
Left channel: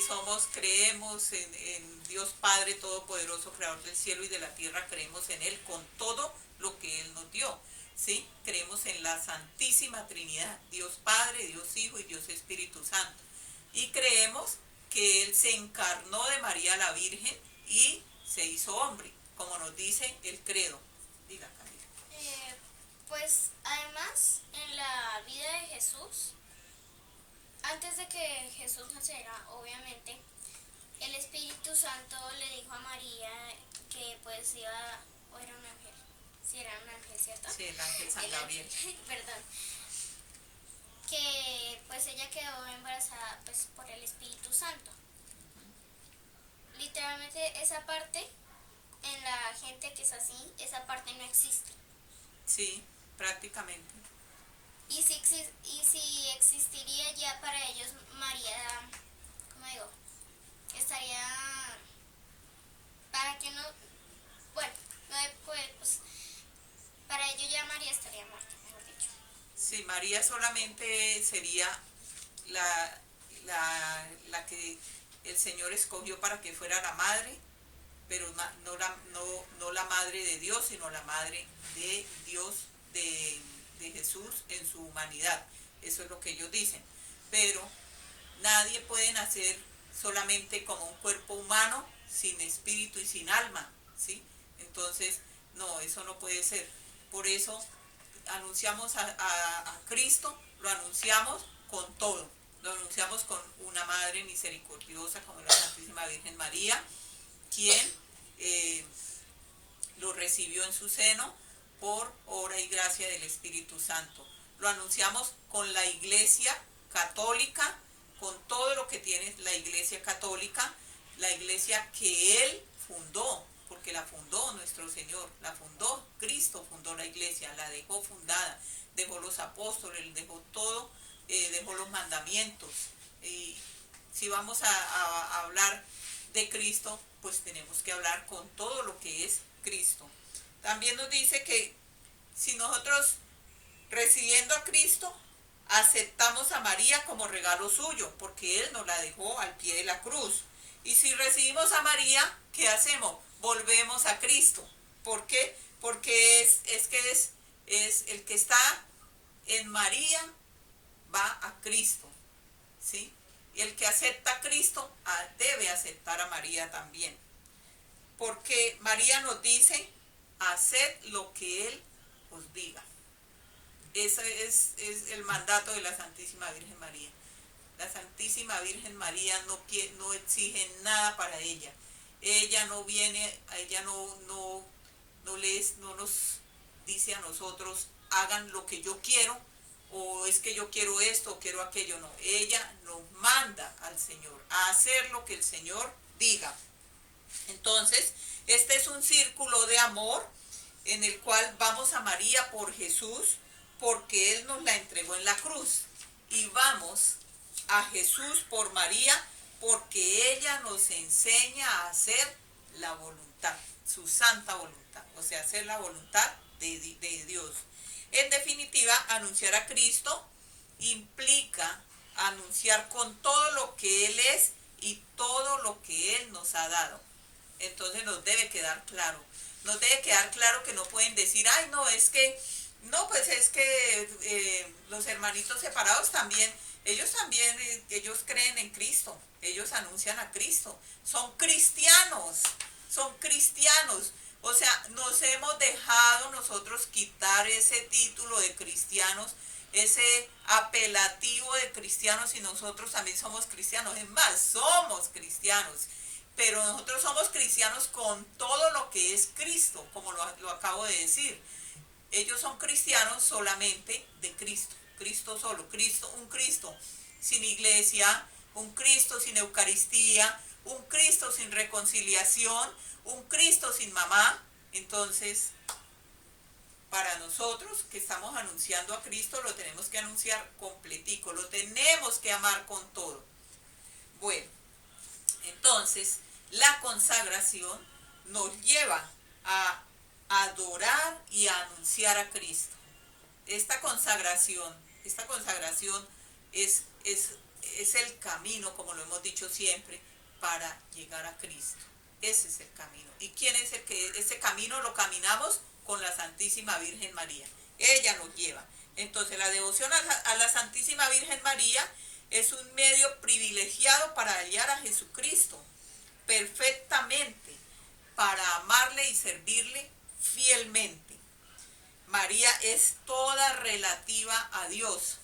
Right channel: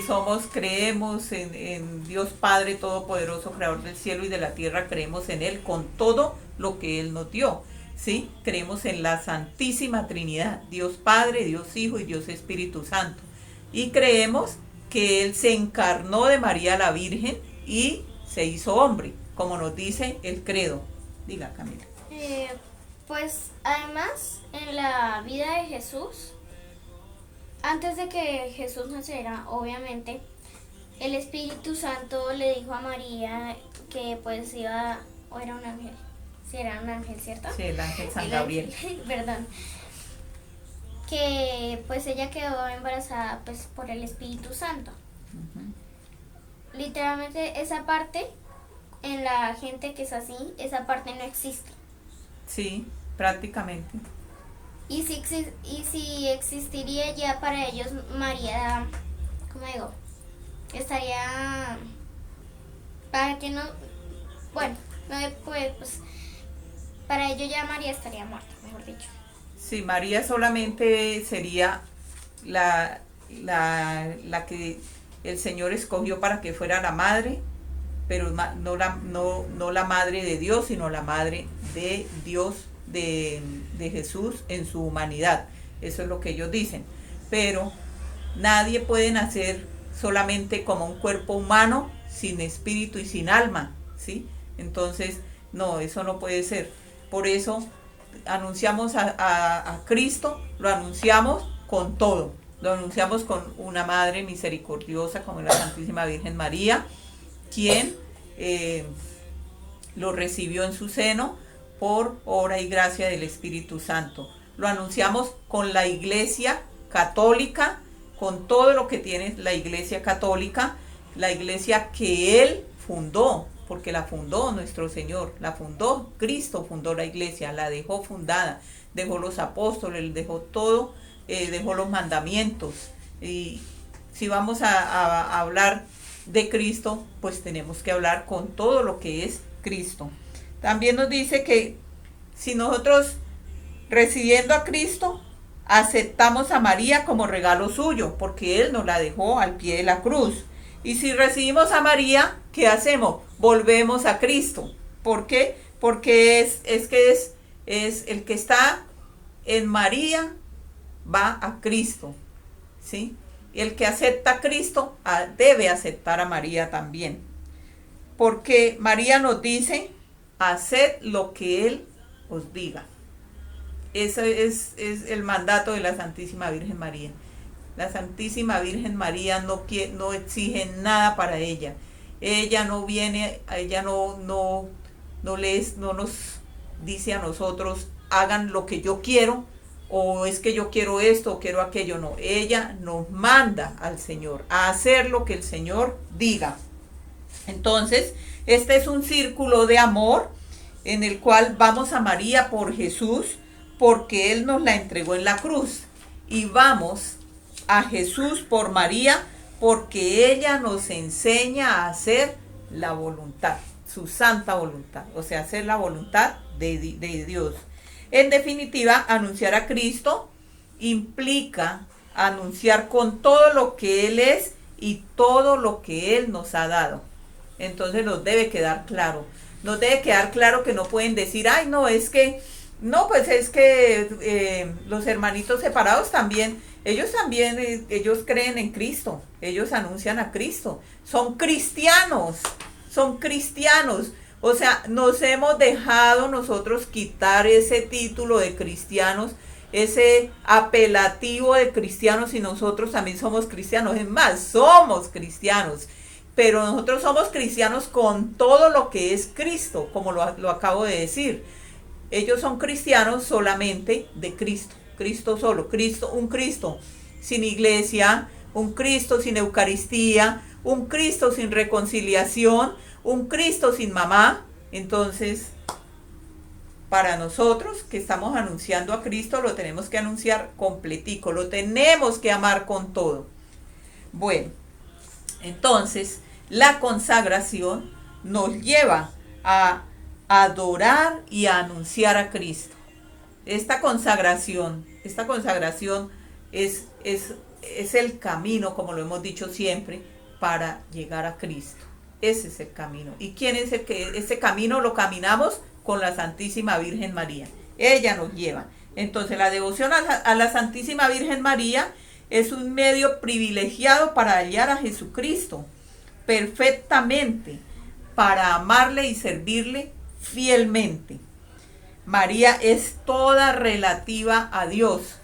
creemos en Dios Padre Todopoderoso, Creador del cielo y de la tierra, creemos en Él con todo lo que Él nos dio, ¿sí? Creemos en la Santísima Trinidad, Dios Padre, Dios Hijo y Dios Espíritu Santo. Y creemos que Él se encarnó de María la Virgen y se hizo hombre, como nos dice el credo. Diga, Camila. Pues además, en la vida de Jesús, antes de que Jesús naciera, obviamente, el Espíritu Santo le dijo a María que pues iba, o era un ángel, sí era un ángel, ¿cierto? Sí, el ángel San Gabriel. Perdón. Que pues ella quedó embarazada pues por el Espíritu Santo. Uh-huh. Literalmente esa parte, en la gente que es así, esa parte no existe. Sí, prácticamente. Y si existiría ya para ellos, María, ¿cómo digo? Estaría, para que no, bueno, pues para ellos ya María estaría muerta, mejor dicho. Sí, María solamente sería la que el Señor escogió para que fuera la madre, pero no la madre de Dios, sino la madre de Dios, de Jesús en su humanidad. Eso es lo que ellos dicen. Pero nadie puede nacer solamente como un cuerpo humano, sin espíritu y sin alma, ¿sí? Entonces, no, eso no puede ser. Por eso anunciamos a Cristo, lo anunciamos con todo. Lo anunciamos con una madre misericordiosa como la Santísima Virgen María, quien lo recibió en su seno por obra y gracia del Espíritu Santo. Lo anunciamos con la Iglesia Católica, con todo lo que tiene la Iglesia Católica, la Iglesia que Él fundó, porque la fundó nuestro Señor, la fundó Cristo, fundó la Iglesia, la dejó fundada, dejó los apóstoles, dejó todo, dejó los mandamientos. Y si vamos a hablar de Cristo, pues tenemos que hablar con todo lo que es Cristo. También nos dice que si nosotros, recibiendo a Cristo, aceptamos a María como regalo suyo, porque Él nos la dejó al pie de la cruz. Y si recibimos a María, ¿qué hacemos? Volvemos a Cristo. ¿Por qué? Porque es el que está en María, va a Cristo, ¿sí? Y el que acepta a Cristo debe aceptar a María también. Porque María nos dice, haced lo que Él os diga. Ese es el mandato de la Santísima Virgen María. La Santísima Virgen María no exige nada para ella. Ella no viene, ella no nos dice a nosotros, hagan lo que yo quiero, o es que yo quiero esto o quiero aquello. No, ella nos manda al Señor a hacer lo que el Señor diga. Entonces, este es un círculo de amor en el cual vamos a María por Jesús, porque Él nos la entregó en la cruz. Y vamos a Jesús por María, porque ella nos enseña a hacer la voluntad, su santa voluntad, o sea, hacer la voluntad de Dios. En definitiva, anunciar a Cristo implica anunciar con todo lo que Él es y todo lo que Él nos ha dado. Entonces nos debe quedar claro. Nos debe quedar claro que no pueden decir, ay, no, es que, no, pues es que los hermanitos separados también, ellos creen en Cristo, ellos anuncian a Cristo, son cristianos. O sea, nos hemos dejado nosotros quitar ese título de cristianos, ese apelativo de cristianos, y nosotros también somos cristianos. Es más, somos cristianos, pero nosotros somos cristianos con todo lo que es Cristo, como lo acabo de decir. Ellos son cristianos solamente de Cristo, Cristo solo, un Cristo sin iglesia, un Cristo sin Eucaristía, un Cristo sin reconciliación, un Cristo sin mamá. Entonces, para nosotros que estamos anunciando a Cristo, lo tenemos que anunciar completico, lo tenemos que amar con todo. Bueno, entonces la consagración nos lleva a adorar y a anunciar a Cristo. Esta consagración es el camino, como lo hemos dicho siempre, para llegar a Cristo. Ese es el camino. ¿Y quién es el que ese camino lo caminamos? Con la Santísima Virgen María. Ella nos lleva. Entonces, la devoción a la Santísima Virgen María es un medio privilegiado para hallar a Jesucristo perfectamente, para amarle y servirle fielmente. María es toda relativa a Dios.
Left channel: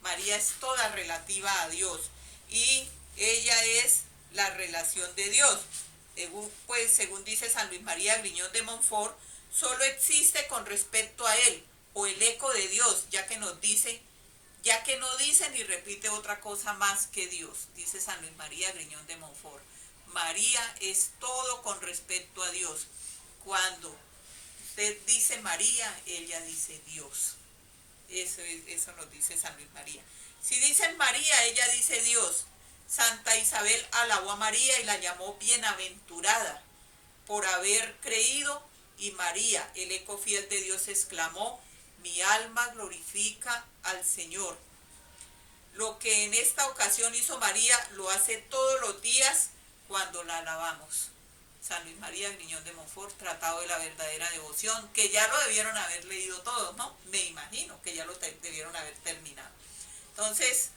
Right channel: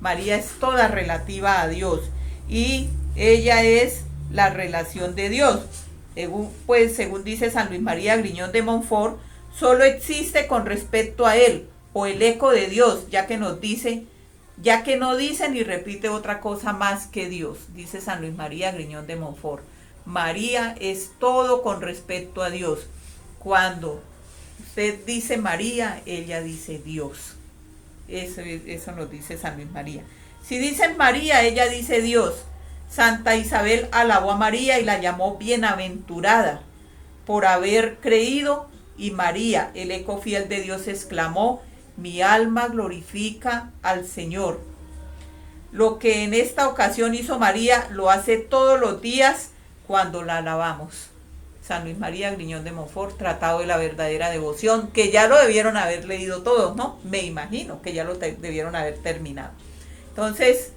María es toda relativa a Dios. Y ella es la relación de Dios. Según dice San Luis María Griñón de Montfort, solo existe con respecto a Él, o el eco de Dios, ya que no dice ni repite otra cosa más que Dios, dice San Luis María Griñón de Montfort. María es todo con respecto a Dios. Cuando usted dice María, ella dice Dios. Eso nos dice San Luis María. Si dicen María, ella dice Dios. Santa Isabel alabó a María y la llamó bienaventurada por haber creído, y María, el eco fiel de Dios, exclamó: mi alma glorifica al Señor. Lo que en esta ocasión hizo María lo hace todos los días cuando la alabamos. San Luis María Griñón de Montfort, Tratado de la verdadera devoción, que ya lo debieron haber leído todos, ¿no? Me imagino que ya lo debieron haber terminado. Entonces,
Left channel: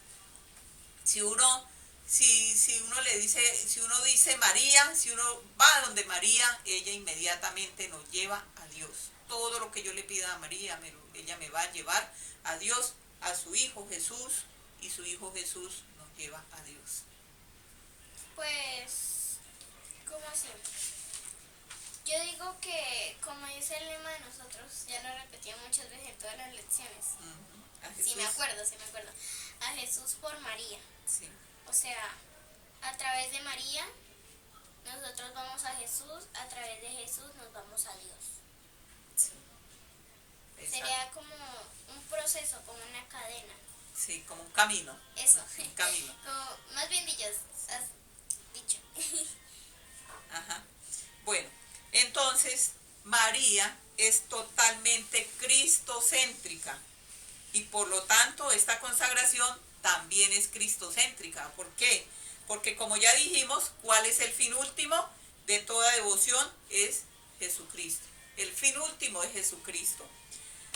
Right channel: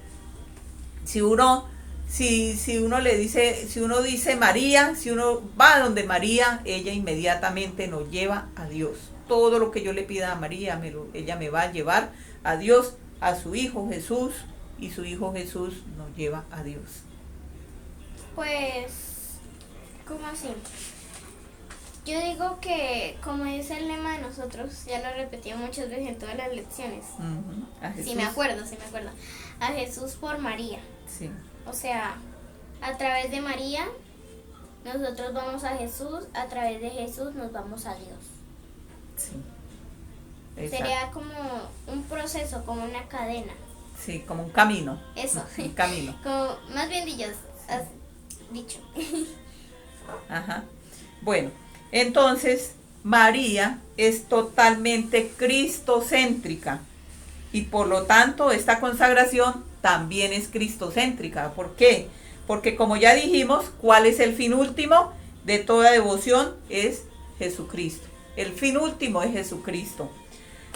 si uno le dice, si uno dice María, si uno va donde María, ella inmediatamente nos lleva a Dios. Todo lo que yo le pida a María, ella me va a llevar a Dios, a su Hijo Jesús, y su Hijo Jesús nos lleva a Dios. Pues, ¿cómo así? Yo digo que, como dice el lema de nosotros, ya lo repetí muchas veces en todas las lecciones. Sí me acuerdo. A Jesús por María. Sí. O sea, a través de María, nosotros vamos a Jesús, a través de Jesús nos vamos a Dios. Sí. Sería como un proceso, como una cadena. Sí, como un camino. Eso. Un camino. Como, más bien has dicho. Ajá. Bueno, entonces María es totalmente cristocéntrica y por lo tanto esta consagración también es cristocéntrica. ¿Por qué? Porque como ya dijimos, ¿cuál es el fin último de toda devoción? Es Jesucristo. El fin último es Jesucristo,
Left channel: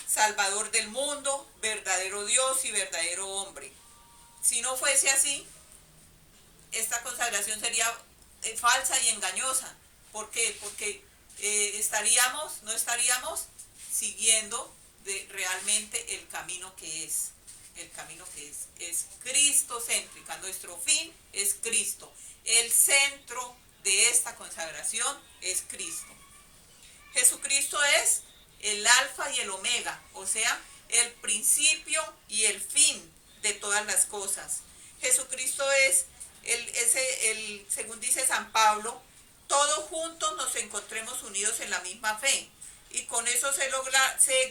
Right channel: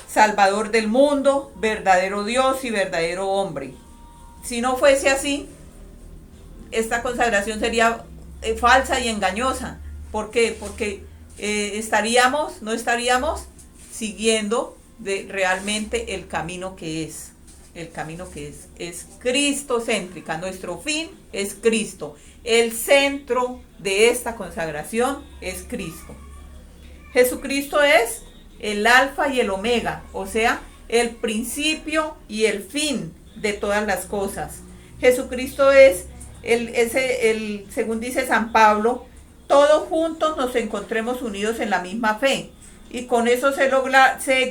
Salvador del mundo, verdadero Dios y verdadero hombre. Si no fuese así, esta consagración sería falsa y engañosa. ¿Por qué? Porque no estaríamos siguiendo realmente el camino que es. El camino que es cristocéntrica. Nuestro fin es Cristo. El centro de esta consagración es Cristo. Jesucristo es el alfa y el omega, o sea, el principio y el fin de todas las cosas. Jesucristo es según dice San Pablo, todos juntos nos encontremos unidos en la misma fe. Y con eso se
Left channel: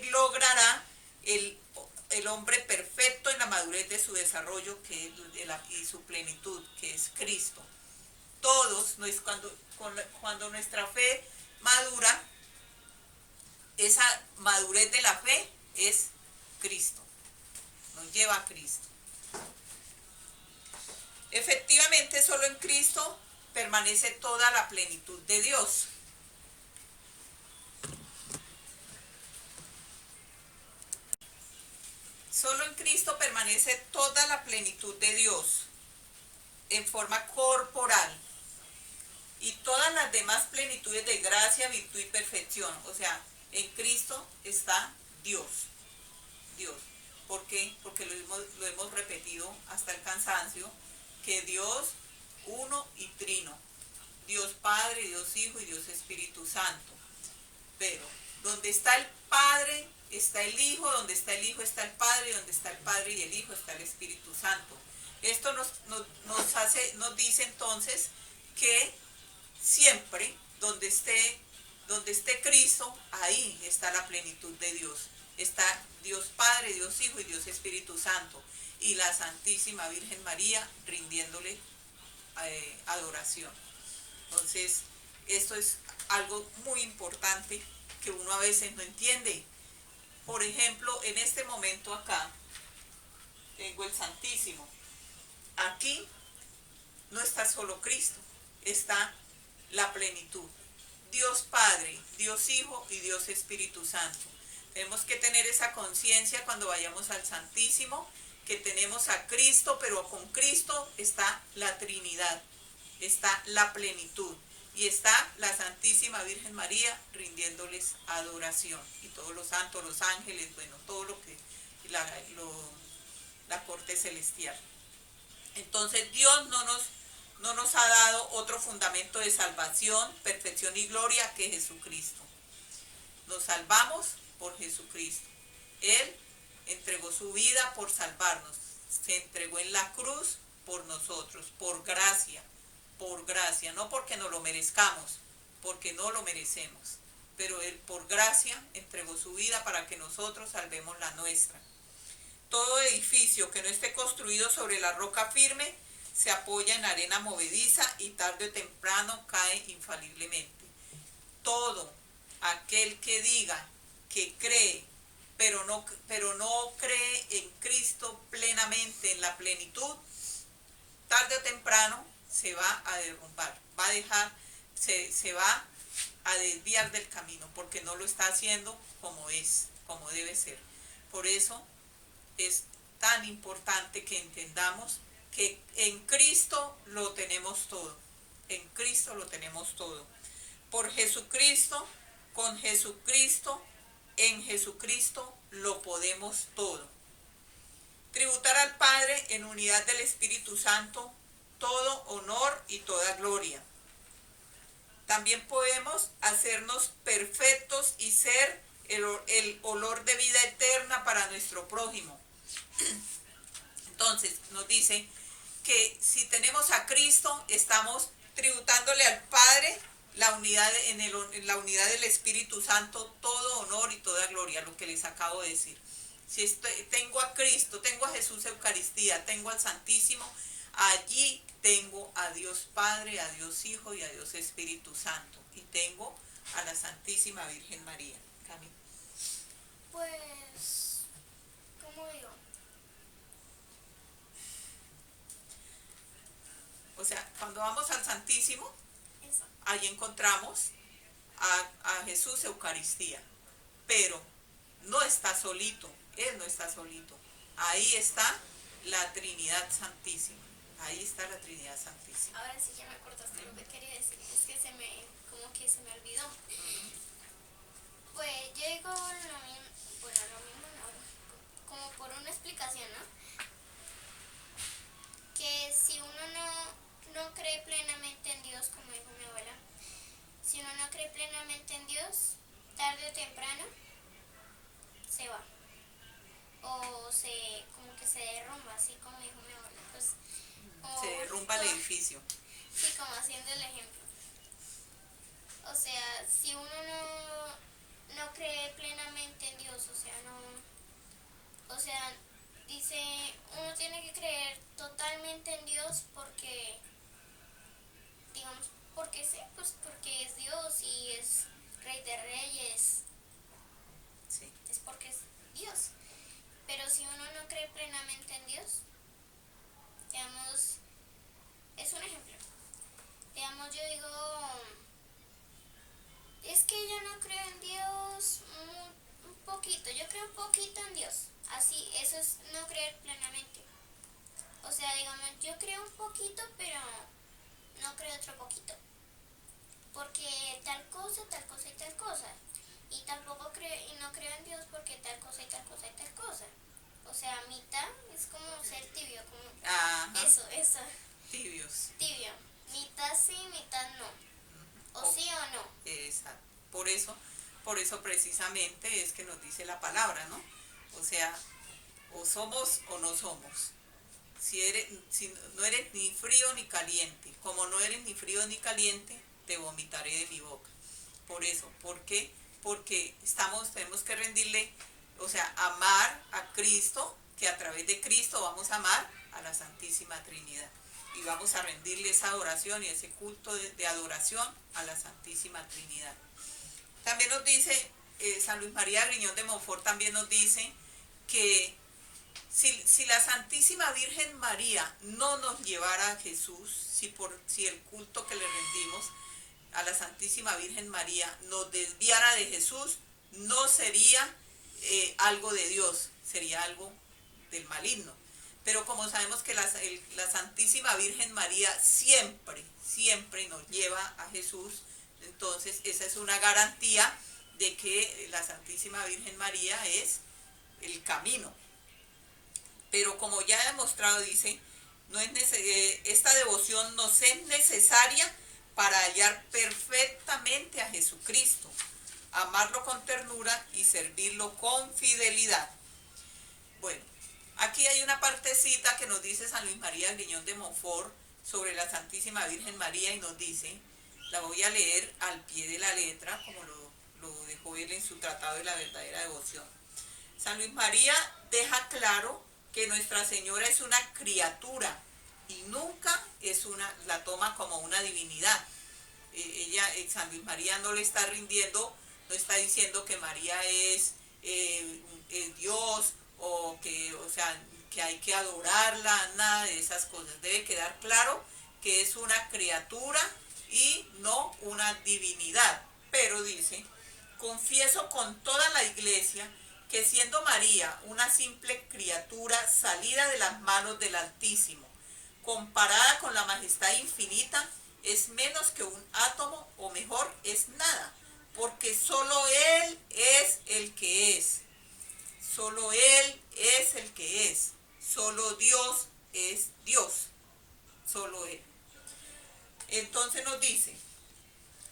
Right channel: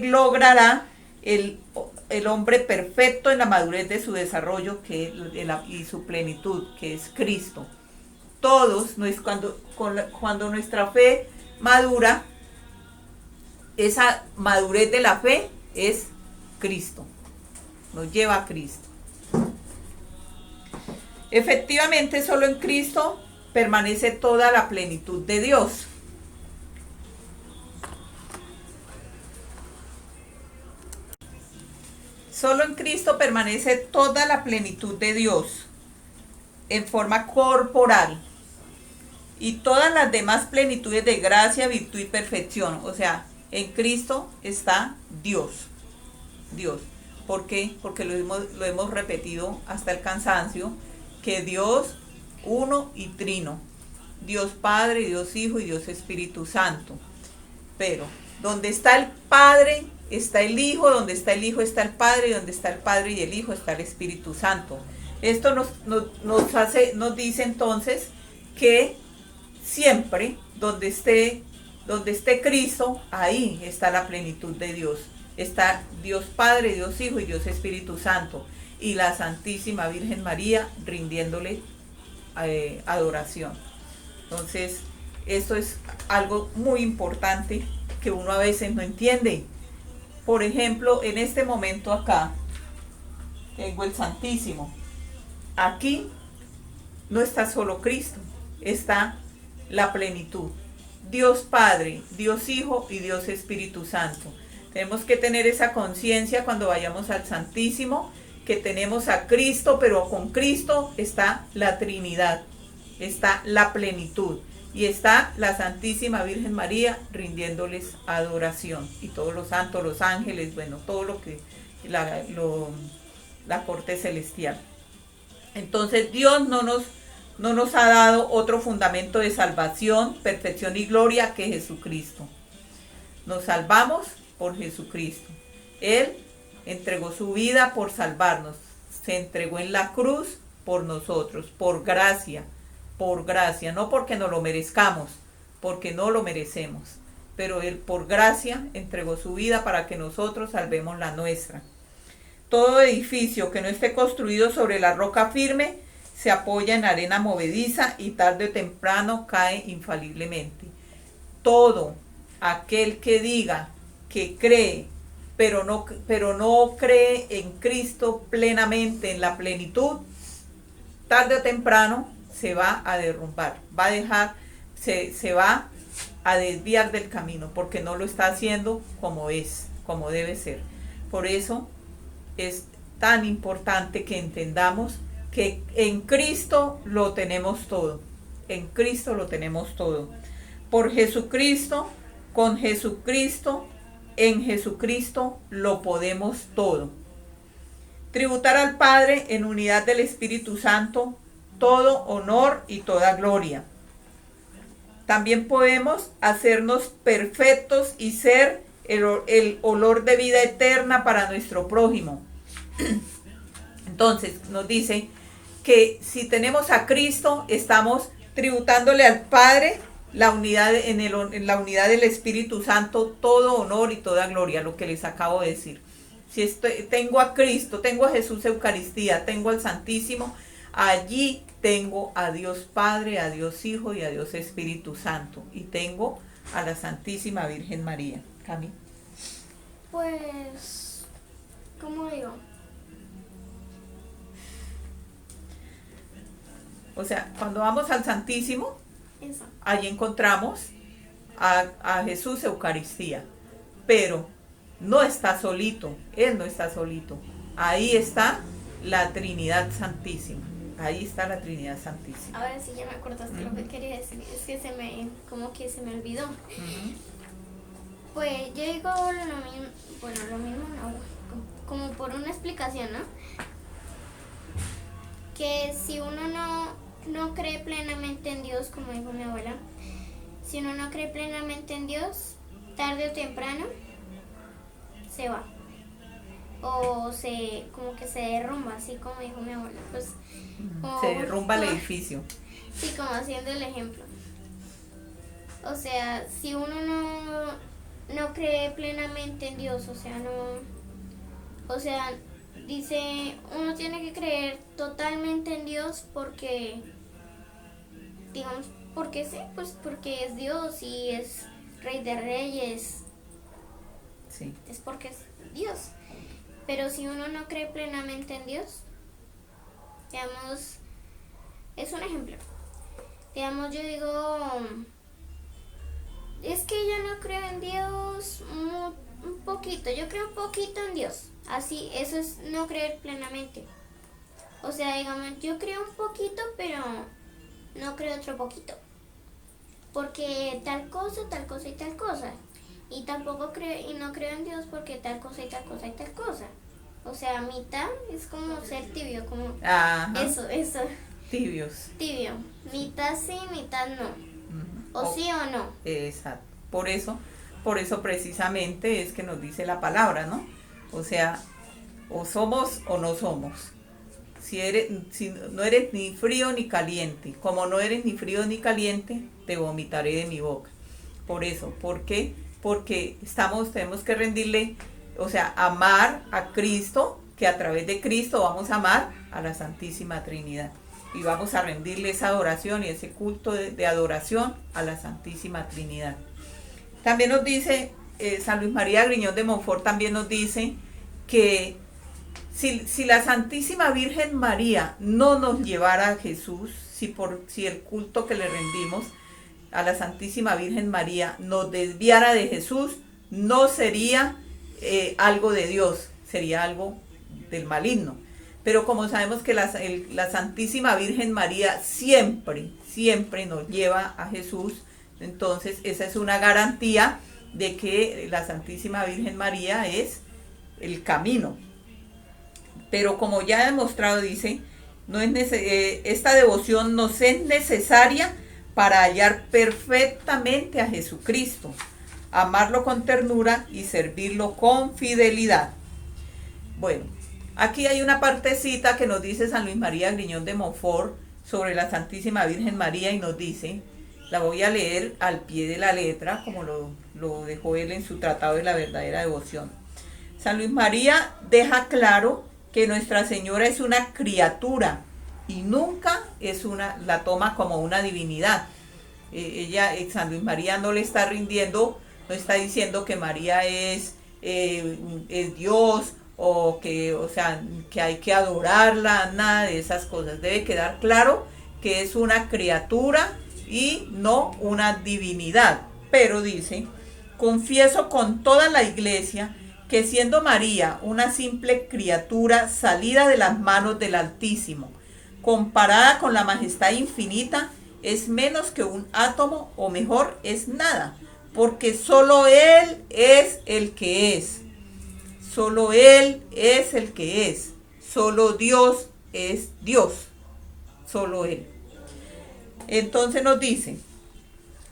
logrará el hombre perfecto en la madurez de su desarrollo y su plenitud, que es Cristo. Todos, cuando nuestra fe madura, esa madurez de la fe es Cristo, nos lleva a Cristo. Efectivamente, solo en Cristo permanece toda la plenitud de Dios. Solo en Cristo permanece toda la plenitud de Dios en forma corporal y todas las demás plenitudes de gracia, virtud y perfección. O sea, en Cristo está Dios. Dios. ¿Por qué? Porque lo hemos repetido hasta el cansancio, que Dios uno y trino. Dios Padre, Dios Hijo y Dios Espíritu Santo. Pero donde está el Padre está el Hijo, donde está el Hijo está el Padre, y donde está el Padre y el Hijo está el Espíritu Santo. Esto nos dice entonces que siempre donde esté Cristo, ahí está la plenitud de Dios. Está Dios Padre, Dios Hijo y Dios Espíritu Santo. Y la Santísima Virgen María rindiéndole adoración. Entonces, esto es algo muy importante que uno a veces no entiende. Por ejemplo, en este momento acá, tengo el Santísimo. Aquí no está solo Cristo, está la plenitud. Dios Padre, Dios Hijo y Dios Espíritu Santo. Tenemos que tener esa conciencia cuando vayamos al Santísimo, que tenemos a Cristo, pero con Cristo está la Trinidad, está la plenitud y está la Santísima Virgen María rindiéndoles adoración, y todos los santos, los ángeles, bueno, todo lo que la corte celestial. Entonces Dios no nos ha dado otro fundamento de salvación, perfección y gloria que Jesucristo. Nos salvamos por Jesucristo. Él entregó su vida por salvarnos. Se entregó en la cruz por nosotros, por gracia, no porque nos lo merezcamos, porque no lo merecemos. Pero Él por gracia entregó su vida para que nosotros salvemos la nuestra. Todo edificio que no esté construido sobre la roca firme se apoya en arena movediza y tarde o temprano cae infaliblemente. Todo aquel que diga que cree pero no cree en Cristo plenamente, en la plenitud, tarde o temprano se va a derrumbar, va a dejar, se va a desviar del camino, porque no lo está haciendo como es, como debe ser. Por eso es tan importante que entendamos que en Cristo lo tenemos todo. En Cristo lo tenemos todo. Por Jesucristo, con Jesucristo, en Jesucristo lo podemos todo. Tributar al Padre en unidad del Espíritu Santo todo honor y toda gloria. También podemos hacernos perfectos y ser el olor de vida eterna para nuestro prójimo. Entonces nos dice que si tenemos a Cristo, estamos tributándole al Padre la unidad, en la unidad del Espíritu Santo, todo honor y toda gloria, lo que les acabo de decir. Si tengo a Cristo, tengo a Jesús Eucaristía, tengo al Santísimo, allí tengo a Dios Padre, a Dios Hijo y a Dios Espíritu Santo. Y tengo a la Santísima Virgen María. Cami. Pues, ¿cómo digo? O sea, cuando vamos al Santísimo, Eso. allí encontramos a Jesús Eucaristía. Pero no está solito, Él no está solito. Ahí está la Trinidad Santísima. Ahí está la Trinidad Santísima. Ahora sí ya me acordaste lo que quería decir. Es que como que se me olvidó. Pues yo digo lo mismo, bueno, lo mismo no, como por una explicación, ¿no? Que si uno no cree plenamente en Dios, como dijo mi abuela, si uno no cree plenamente en Dios, tarde o temprano se va. O como que se derrumba, así como dijo mi abuela. Pues, se derrumba el edificio. Sí, como haciendo el ejemplo. O sea, si uno no cree plenamente en Dios, dice, uno tiene que creer totalmente en Dios porque, digamos, porque sí, pues porque es Dios y es Rey de Reyes. Sí. Es porque es Dios. Pero si uno no cree plenamente en Dios, digamos, es un ejemplo. Digamos, yo digo, es que yo no creo en Dios un poquito, yo creo un poquito en Dios. Así, eso es no creer plenamente. O sea, digamos, yo creo un poquito, pero no creo otro poquito. Porque tal cosa y tal cosa. Y tampoco creo, y no creo en Dios porque tal cosa y tal cosa y tal cosa. O sea, mitad es como ser tibio, como Ajá. eso. Tibios. Tibio. Mitad sí, mitad no. O sí o no. Exacto. Por eso precisamente es que nos dice la palabra, ¿no? O sea, o somos o no somos. Si no eres ni frío ni caliente, como no eres ni frío ni caliente, te vomitaré de mi boca. Por eso, ¿por qué? Porque tenemos que rendirle, o sea, amar a Cristo, que a través de Cristo vamos a amar a la Santísima Trinidad. Y vamos a rendirle esa adoración y ese culto de adoración a la Santísima Trinidad. También nos dice, San Luis María Griñón de Montfort también nos dice que si la Santísima Virgen María no nos llevara a Jesús, si el culto que le rendimos a la Santísima Virgen María nos desviara de Jesús, no sería algo de Dios, sería algo del maligno. Pero como sabemos que la Santísima Virgen María siempre nos lleva a Jesús, entonces esa es una garantía de que la Santísima Virgen María es el camino. Pero como ya he demostrado, dice, esta devoción nos es necesaria para hallar perfectamente a Jesucristo, amarlo con ternura y servirlo con fidelidad. Bueno, aquí hay una partecita que nos dice San Luis María Griñón de Montfort sobre la Santísima Virgen María y nos dice, la voy a leer al pie de la letra, como lo dejó él en su Tratado de la Verdadera Devoción. San Luis María deja claro que Nuestra Señora es una criatura y nunca la toma como una divinidad. San Luis María no le está rindiendo, no está diciendo que María es es Dios o que, o sea, que hay que adorarla, nada de esas cosas. Debe quedar claro que es una criatura y no una divinidad. Pero dice, confieso con toda la iglesia que siendo María una simple criatura salida de las manos del Altísimo, comparada con la majestad infinita, es menos que un átomo, o mejor, es nada, porque solo Él es el que es. Solo Él es el que es. Solo Dios es Dios. Solo Él. Entonces nos dice,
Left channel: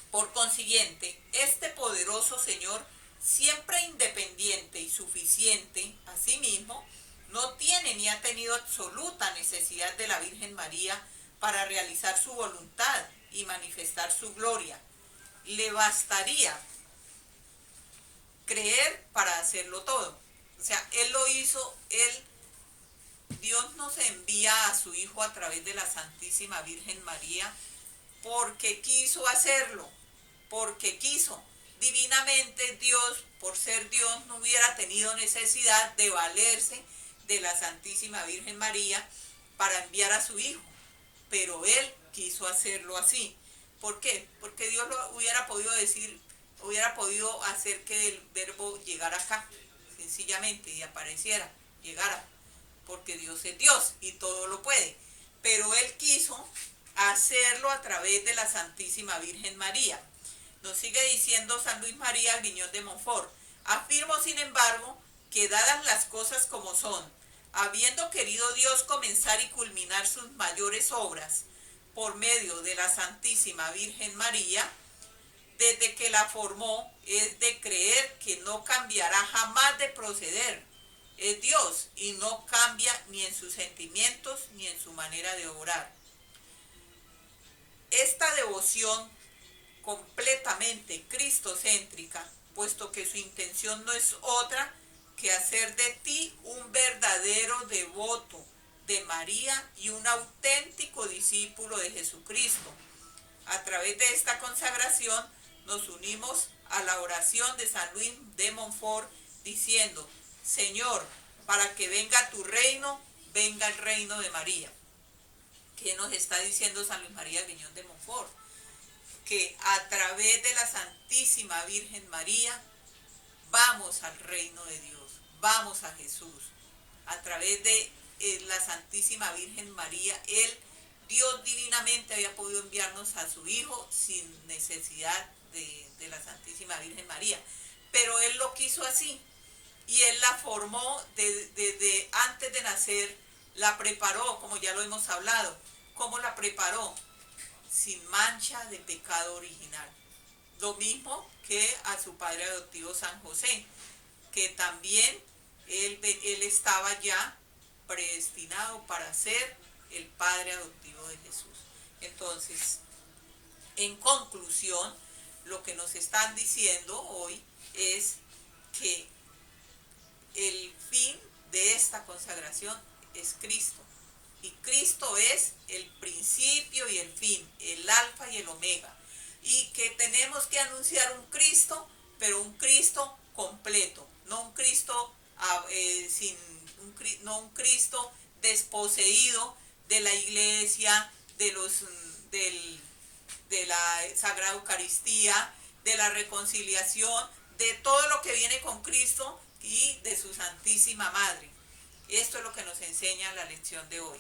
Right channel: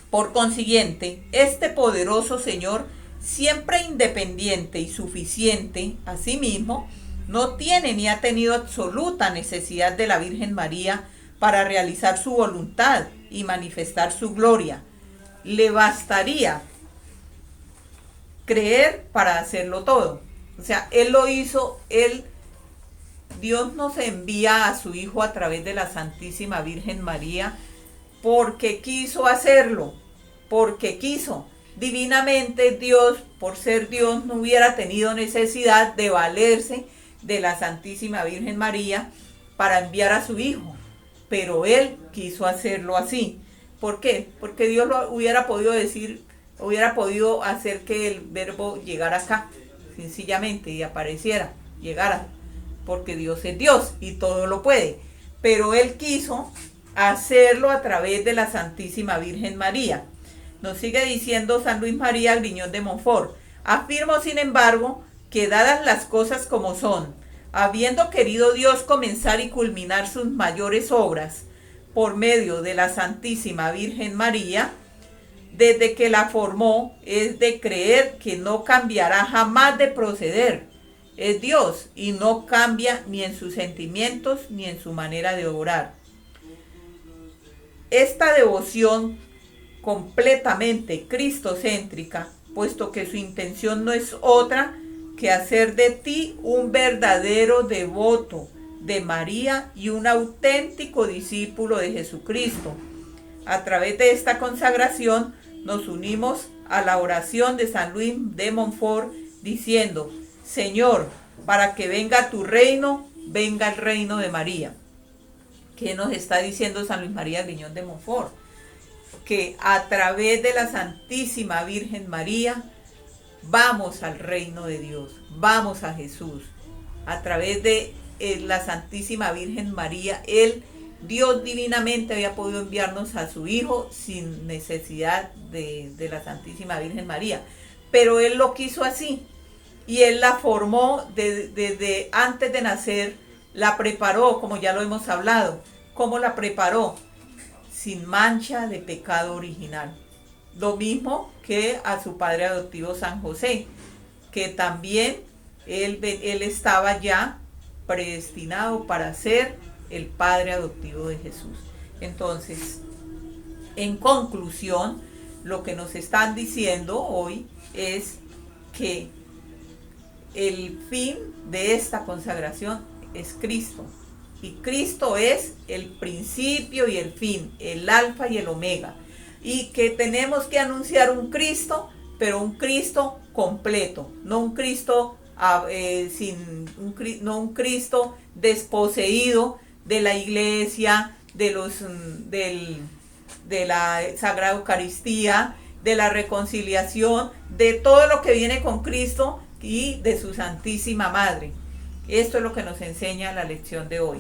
por consiguiente, este poderoso Señor, siempre independiente y suficiente a sí mismo, no tiene ni ha tenido absoluta necesidad de la Virgen María para realizar su voluntad y manifestar su gloria. Le bastaría creer para hacerlo todo. O sea, Él lo hizo, Dios nos envía a su Hijo a través de la Santísima Virgen María porque quiso hacerlo, porque quiso. Divinamente Dios, por ser Dios, no hubiera tenido necesidad de valerse de la Santísima Virgen María para enviar a su Hijo, pero Él quiso hacerlo así. ¿Por qué? Porque Dios lo hubiera podido decir, hubiera podido hacer que el verbo llegara acá, sencillamente, y apareciera, llegara, porque Dios es Dios y todo lo puede. Pero Él quiso hacerlo a través de la Santísima Virgen María. Nos sigue diciendo San Luis María Griñón de Montfort: afirmo, sin embargo, que dadas las cosas como son, habiendo querido Dios comenzar y culminar sus mayores obras por medio de la Santísima Virgen María, desde que la formó, es de creer que no cambiará jamás de proceder. Es Dios y no cambia ni en sus sentimientos ni en su manera de obrar. Esta devoción completamente cristocéntrica, puesto que su intención no es otra que hacer de ti un verdadero devoto de María y un auténtico discípulo de Jesucristo. A través de esta consagración nos unimos a la oración de San Luis de Montfort diciendo: Señor, para que venga tu reino, venga el reino de María. ¿Qué nos está diciendo San Luis María Griñón de Montfort? Que a través de la Santísima Virgen María vamos al reino de Dios, vamos a Jesús. A través de la Santísima Virgen María, Dios divinamente había podido enviarnos a su Hijo sin necesidad de la Santísima Virgen María. Pero Él lo quiso así. Y Él la formó desde antes de nacer, la preparó, como ya lo hemos hablado. ¿Cómo la preparó? Sin mancha de pecado original. Lo mismo que a su padre adoptivo San José, que también él estaba ya predestinado para ser el padre adoptivo de Jesús. Entonces, en conclusión, lo que nos están diciendo hoy es que el fin de esta consagración es Cristo. Y Cristo es el principio y el fin, el alfa y el omega. Y que tenemos que anunciar un Cristo, pero un Cristo completo, no un Cristo no un Cristo desposeído de la iglesia, de la Sagrada Eucaristía, de la reconciliación, de todo lo que viene con Cristo y de su Santísima Madre. Esto es lo que nos enseña la lección de hoy.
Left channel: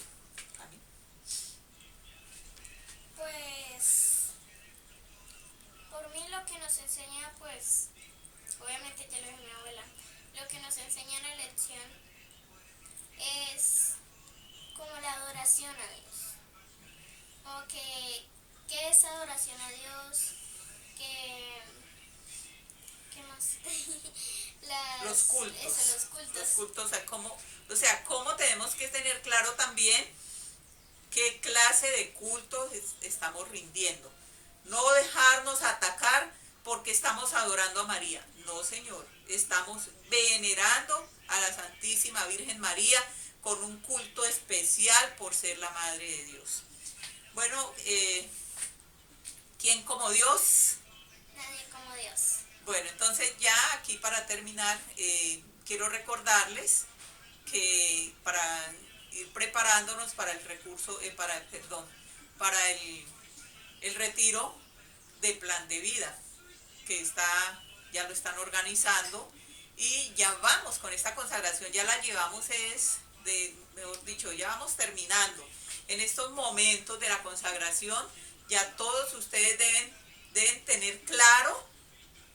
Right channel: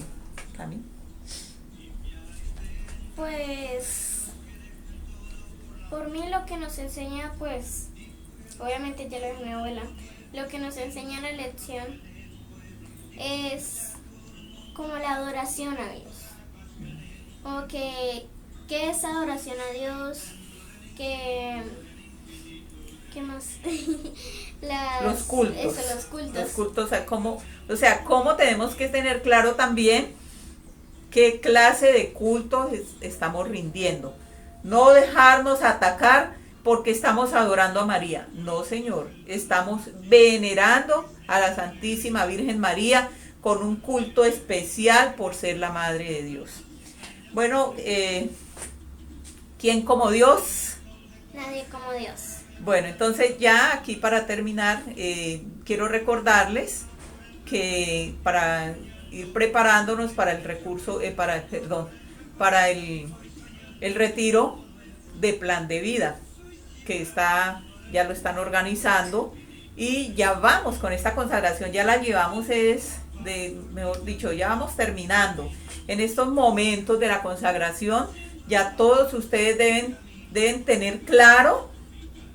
¿Cami? Pues, por mí lo que nos enseña, pues, obviamente ya lo es mi abuela, lo que nos enseña la lección es como la adoración a Dios. Como que es adoración a Dios, ¿qué más? Los cultos. Eso, los cultos. Los cultos, cómo tenemos que tener claro también qué clase de cultos estamos rindiendo. No dejarnos atacar porque estamos adorando a María. No, Señor, estamos venerando a la Santísima Virgen María con un culto especial por ser la Madre de Dios. Bueno, ¿quién como Dios? Nadie como Dios. Bueno, entonces ya aquí para terminar, quiero recordarles que para ir preparándonos para el recurso, para el retiro de plan de vida, que ya lo están organizando y ya vamos con esta consagración, ya la llevamos mejor dicho, ya vamos terminando. En estos momentos de la consagración, ya todos ustedes deben tener claro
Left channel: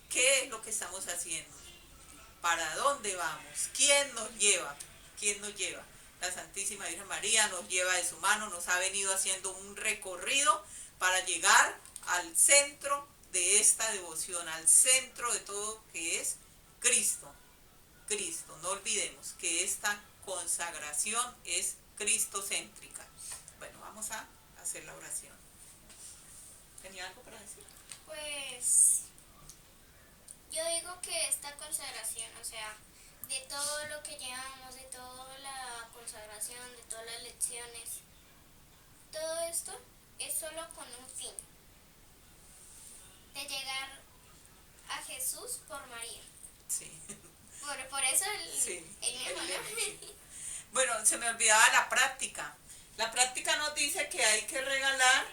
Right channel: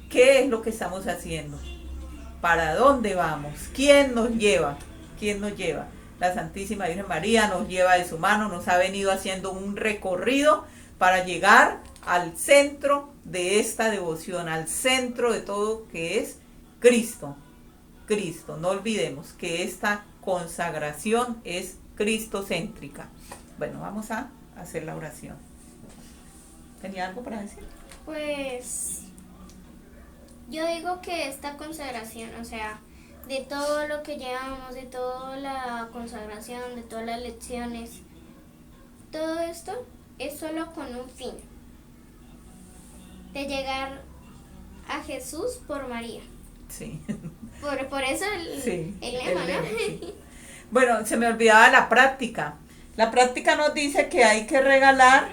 qué es lo que estamos haciendo, para dónde vamos, quién nos lleva. La Santísima Virgen María nos lleva de su mano, nos ha venido haciendo un recorrido para llegar al centro de esta devoción, al centro de todo, que es Cristo. Cristo, no olvidemos que esta consagración es cristocéntrica. Bueno, vamos a hacer la oración. ¿Tenía algo para decir? Pues yo digo que esta consagración, o sea, de todo lo que llevamos, de toda la consagración, de todas las lecciones, todo esto es solo con un fin, de llegar a Jesús por María. Sí. Por eso Sí, el lema, el lema, ¿no? sí. Bueno, se me olvidaba la práctica. La práctica nos dice que hay que regalar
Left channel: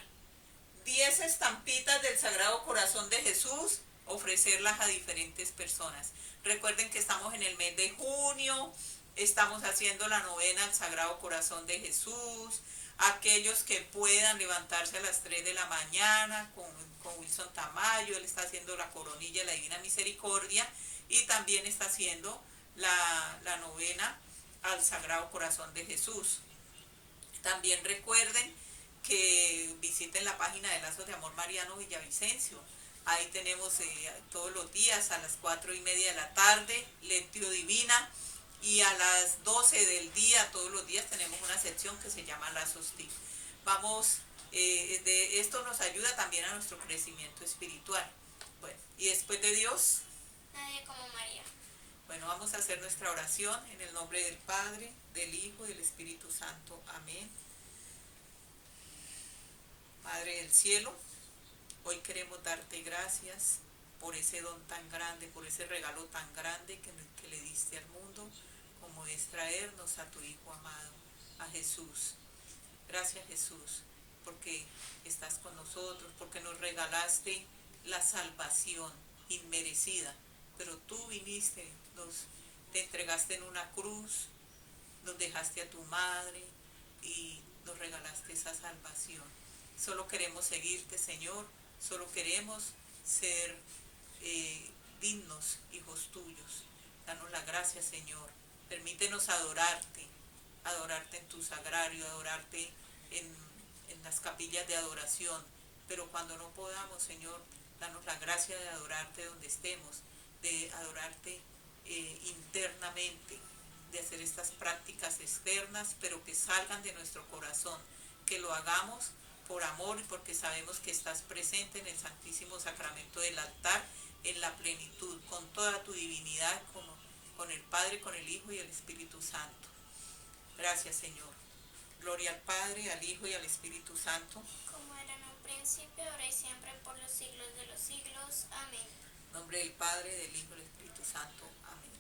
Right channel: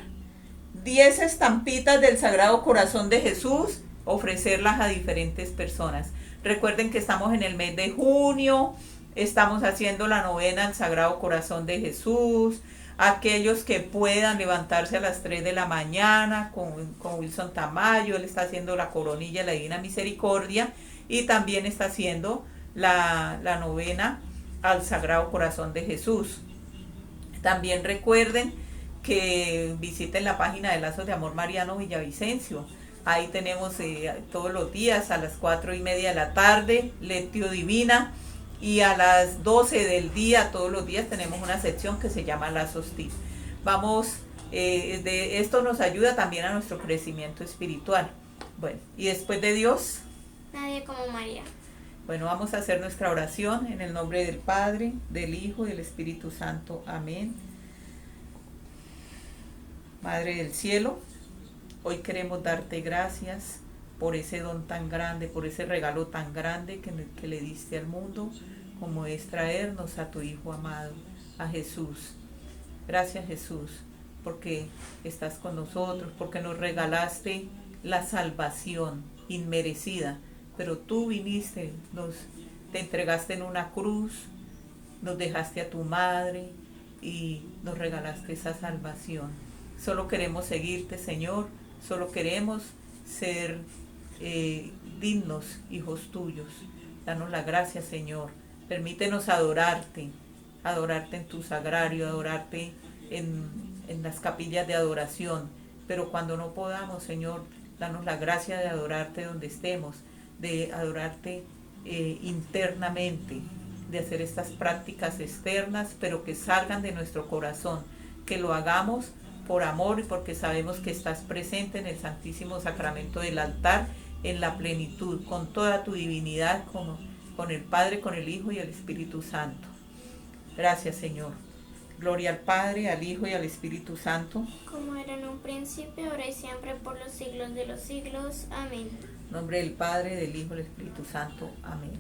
10 estampitas del Sagrado Corazón de Jesús, ofrecerlas a diferentes personas. Recuerden que estamos en el mes de junio, estamos haciendo la novena al Sagrado Corazón de Jesús. Aquellos que puedan levantarse a las 3 de la mañana con Wilson Tamayo, él está haciendo la coronilla de la Divina Misericordia y también está haciendo la novena al Sagrado Corazón de Jesús. También recuerden que visiten la página de Lazos de Amor Mariano Villavicencio. Ahí tenemos todos los días a las 4:30 de la tarde, Lectio Divina, y a las 12 del día, todos los días tenemos una sección que se llama Lazos TIC. De esto nos ayuda también a nuestro crecimiento espiritual. Bueno, y después de Dios, Nadie como María. bueno, vamos a hacer nuestra oración en el nombre del Padre, del Hijo y del Espíritu Santo. Amén. Madre del cielo, hoy queremos darte gracias por ese don tan grande, por ese regalo tan grande que le diste al mundo, como es traernos a tu Hijo amado, a Jesús. Gracias, Jesús, porque estás con nosotros, porque nos regalaste la salvación inmerecida, pero tú viniste, te entregaste en una cruz, nos dejaste a tu madre y nos regalaste esa salvación. Solo queremos seguirte, Señor, solo queremos ser dignos hijos tuyos. Danos la gracia, Señor. Permítenos adorarte en tu sagrario, adorarte en las capillas de adoración. Pero cuando no podamos, Señor, danos la gracia de adorarte donde estemos, de adorarte internamente, de hacer estas prácticas externas, pero que salgan de nuestro corazón, que lo hagamos por amor y porque sabemos que estás presente en el Santísimo Sacramento del altar, en la plenitud, con toda tu divinidad, con el Padre, con el Hijo y el Espíritu Santo. Gracias, Señor. Gloria al Padre, al Hijo y al Espíritu Santo. Como era en un principio, ahora y siempre, por los siglos de los siglos. Amén. En nombre del Padre, del Hijo y del Espíritu Santo. Amén.